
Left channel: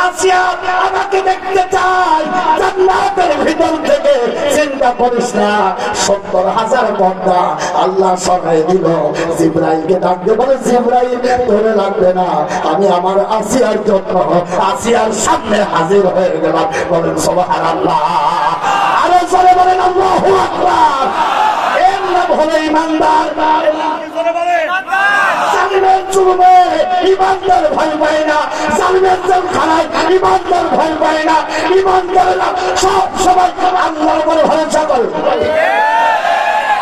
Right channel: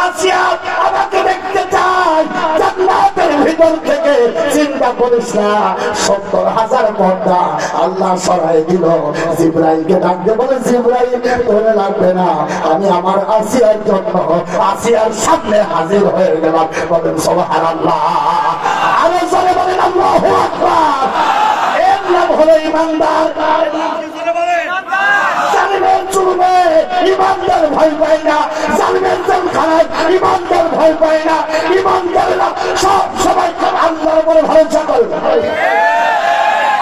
আসিয়া আমাকে দেখতে চায় জান্নাতের ভিতর থেকে। চিন্তা করিস না, ৭০,০০০ পর্দা আল্লাহ সরাই দিল। জিবরাইলকে ডাকতে বলে, জিবরাইল ধরে লাগবে না, আমি আমার আসিয়ার জন্য আসিয়ার সামনে হাজির হয়ে গেলাম। বলেন সুবহানাল্লাহ। আরো জোরে বলেন আল্লাহু আকবার। এর নাম হলো ইমানদার। জালিমের জুলুমে ইমানদার ভয় পায় না, জালিমের জেলখানায় ইমানদার ভয় পায় না। ইমানদারেরা সব সময় আল্লাহর উপরে ভরসা করে।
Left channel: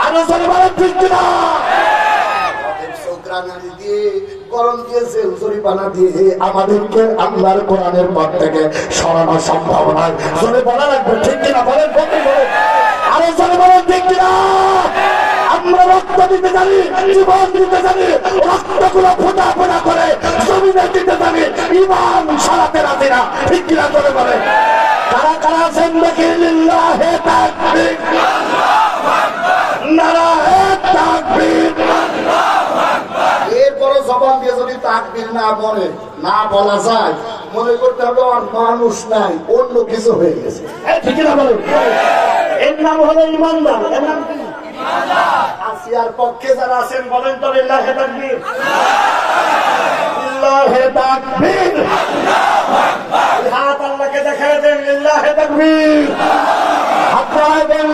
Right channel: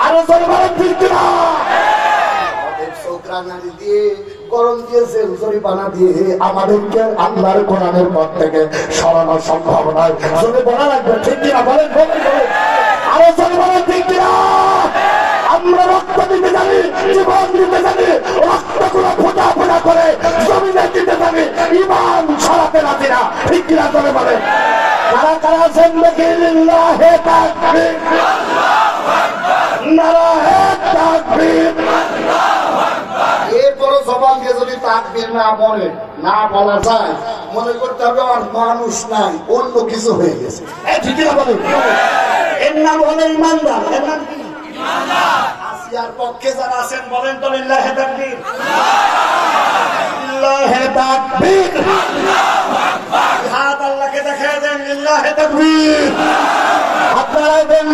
আরো জোরে বলেন ঠিক কিনা? গরম দিয়েছে জরিপানা দিয়ে আমাদেরকে আল্লাহর কোরআনের পথ থেকে সরানো সম্ভব নয়। জোরে বলা রাখবো ঠিক কিনা? বলেন আরো জোরে বলেন ঠিক কিনা? আমরা রক্ত দিতে জানি, জীবন দিতে জানি, রক্তগুলো ফোটা ফোটা করে জমিনে দিতে জানি, ইমান সরাতে রাজি না। ঠিক কিনা? জোরে বলেন। কারা কারা জিন্দেগি লিল্লাহে তাকবীর, নারায়ে তাকবীর। এরপরও জবান দিয়ে যদি তাকবীর না বলা যায়, মনে করতে হবে আমার মানুষ নাই, অন্য কিছু হয়ে গেছে। ঠিক না বলেন? এর নাম হলো ইমানদার। এর নাম কি? আসিয়ার পক্ষে যারা আছেন বলেন তো লিল্লাহে তাকবীর, লিল্লাহে তাকবীর। হাত আল্লাহকে দেখায় দেন লিল্লাহে তাকবীর। আপনারা দেন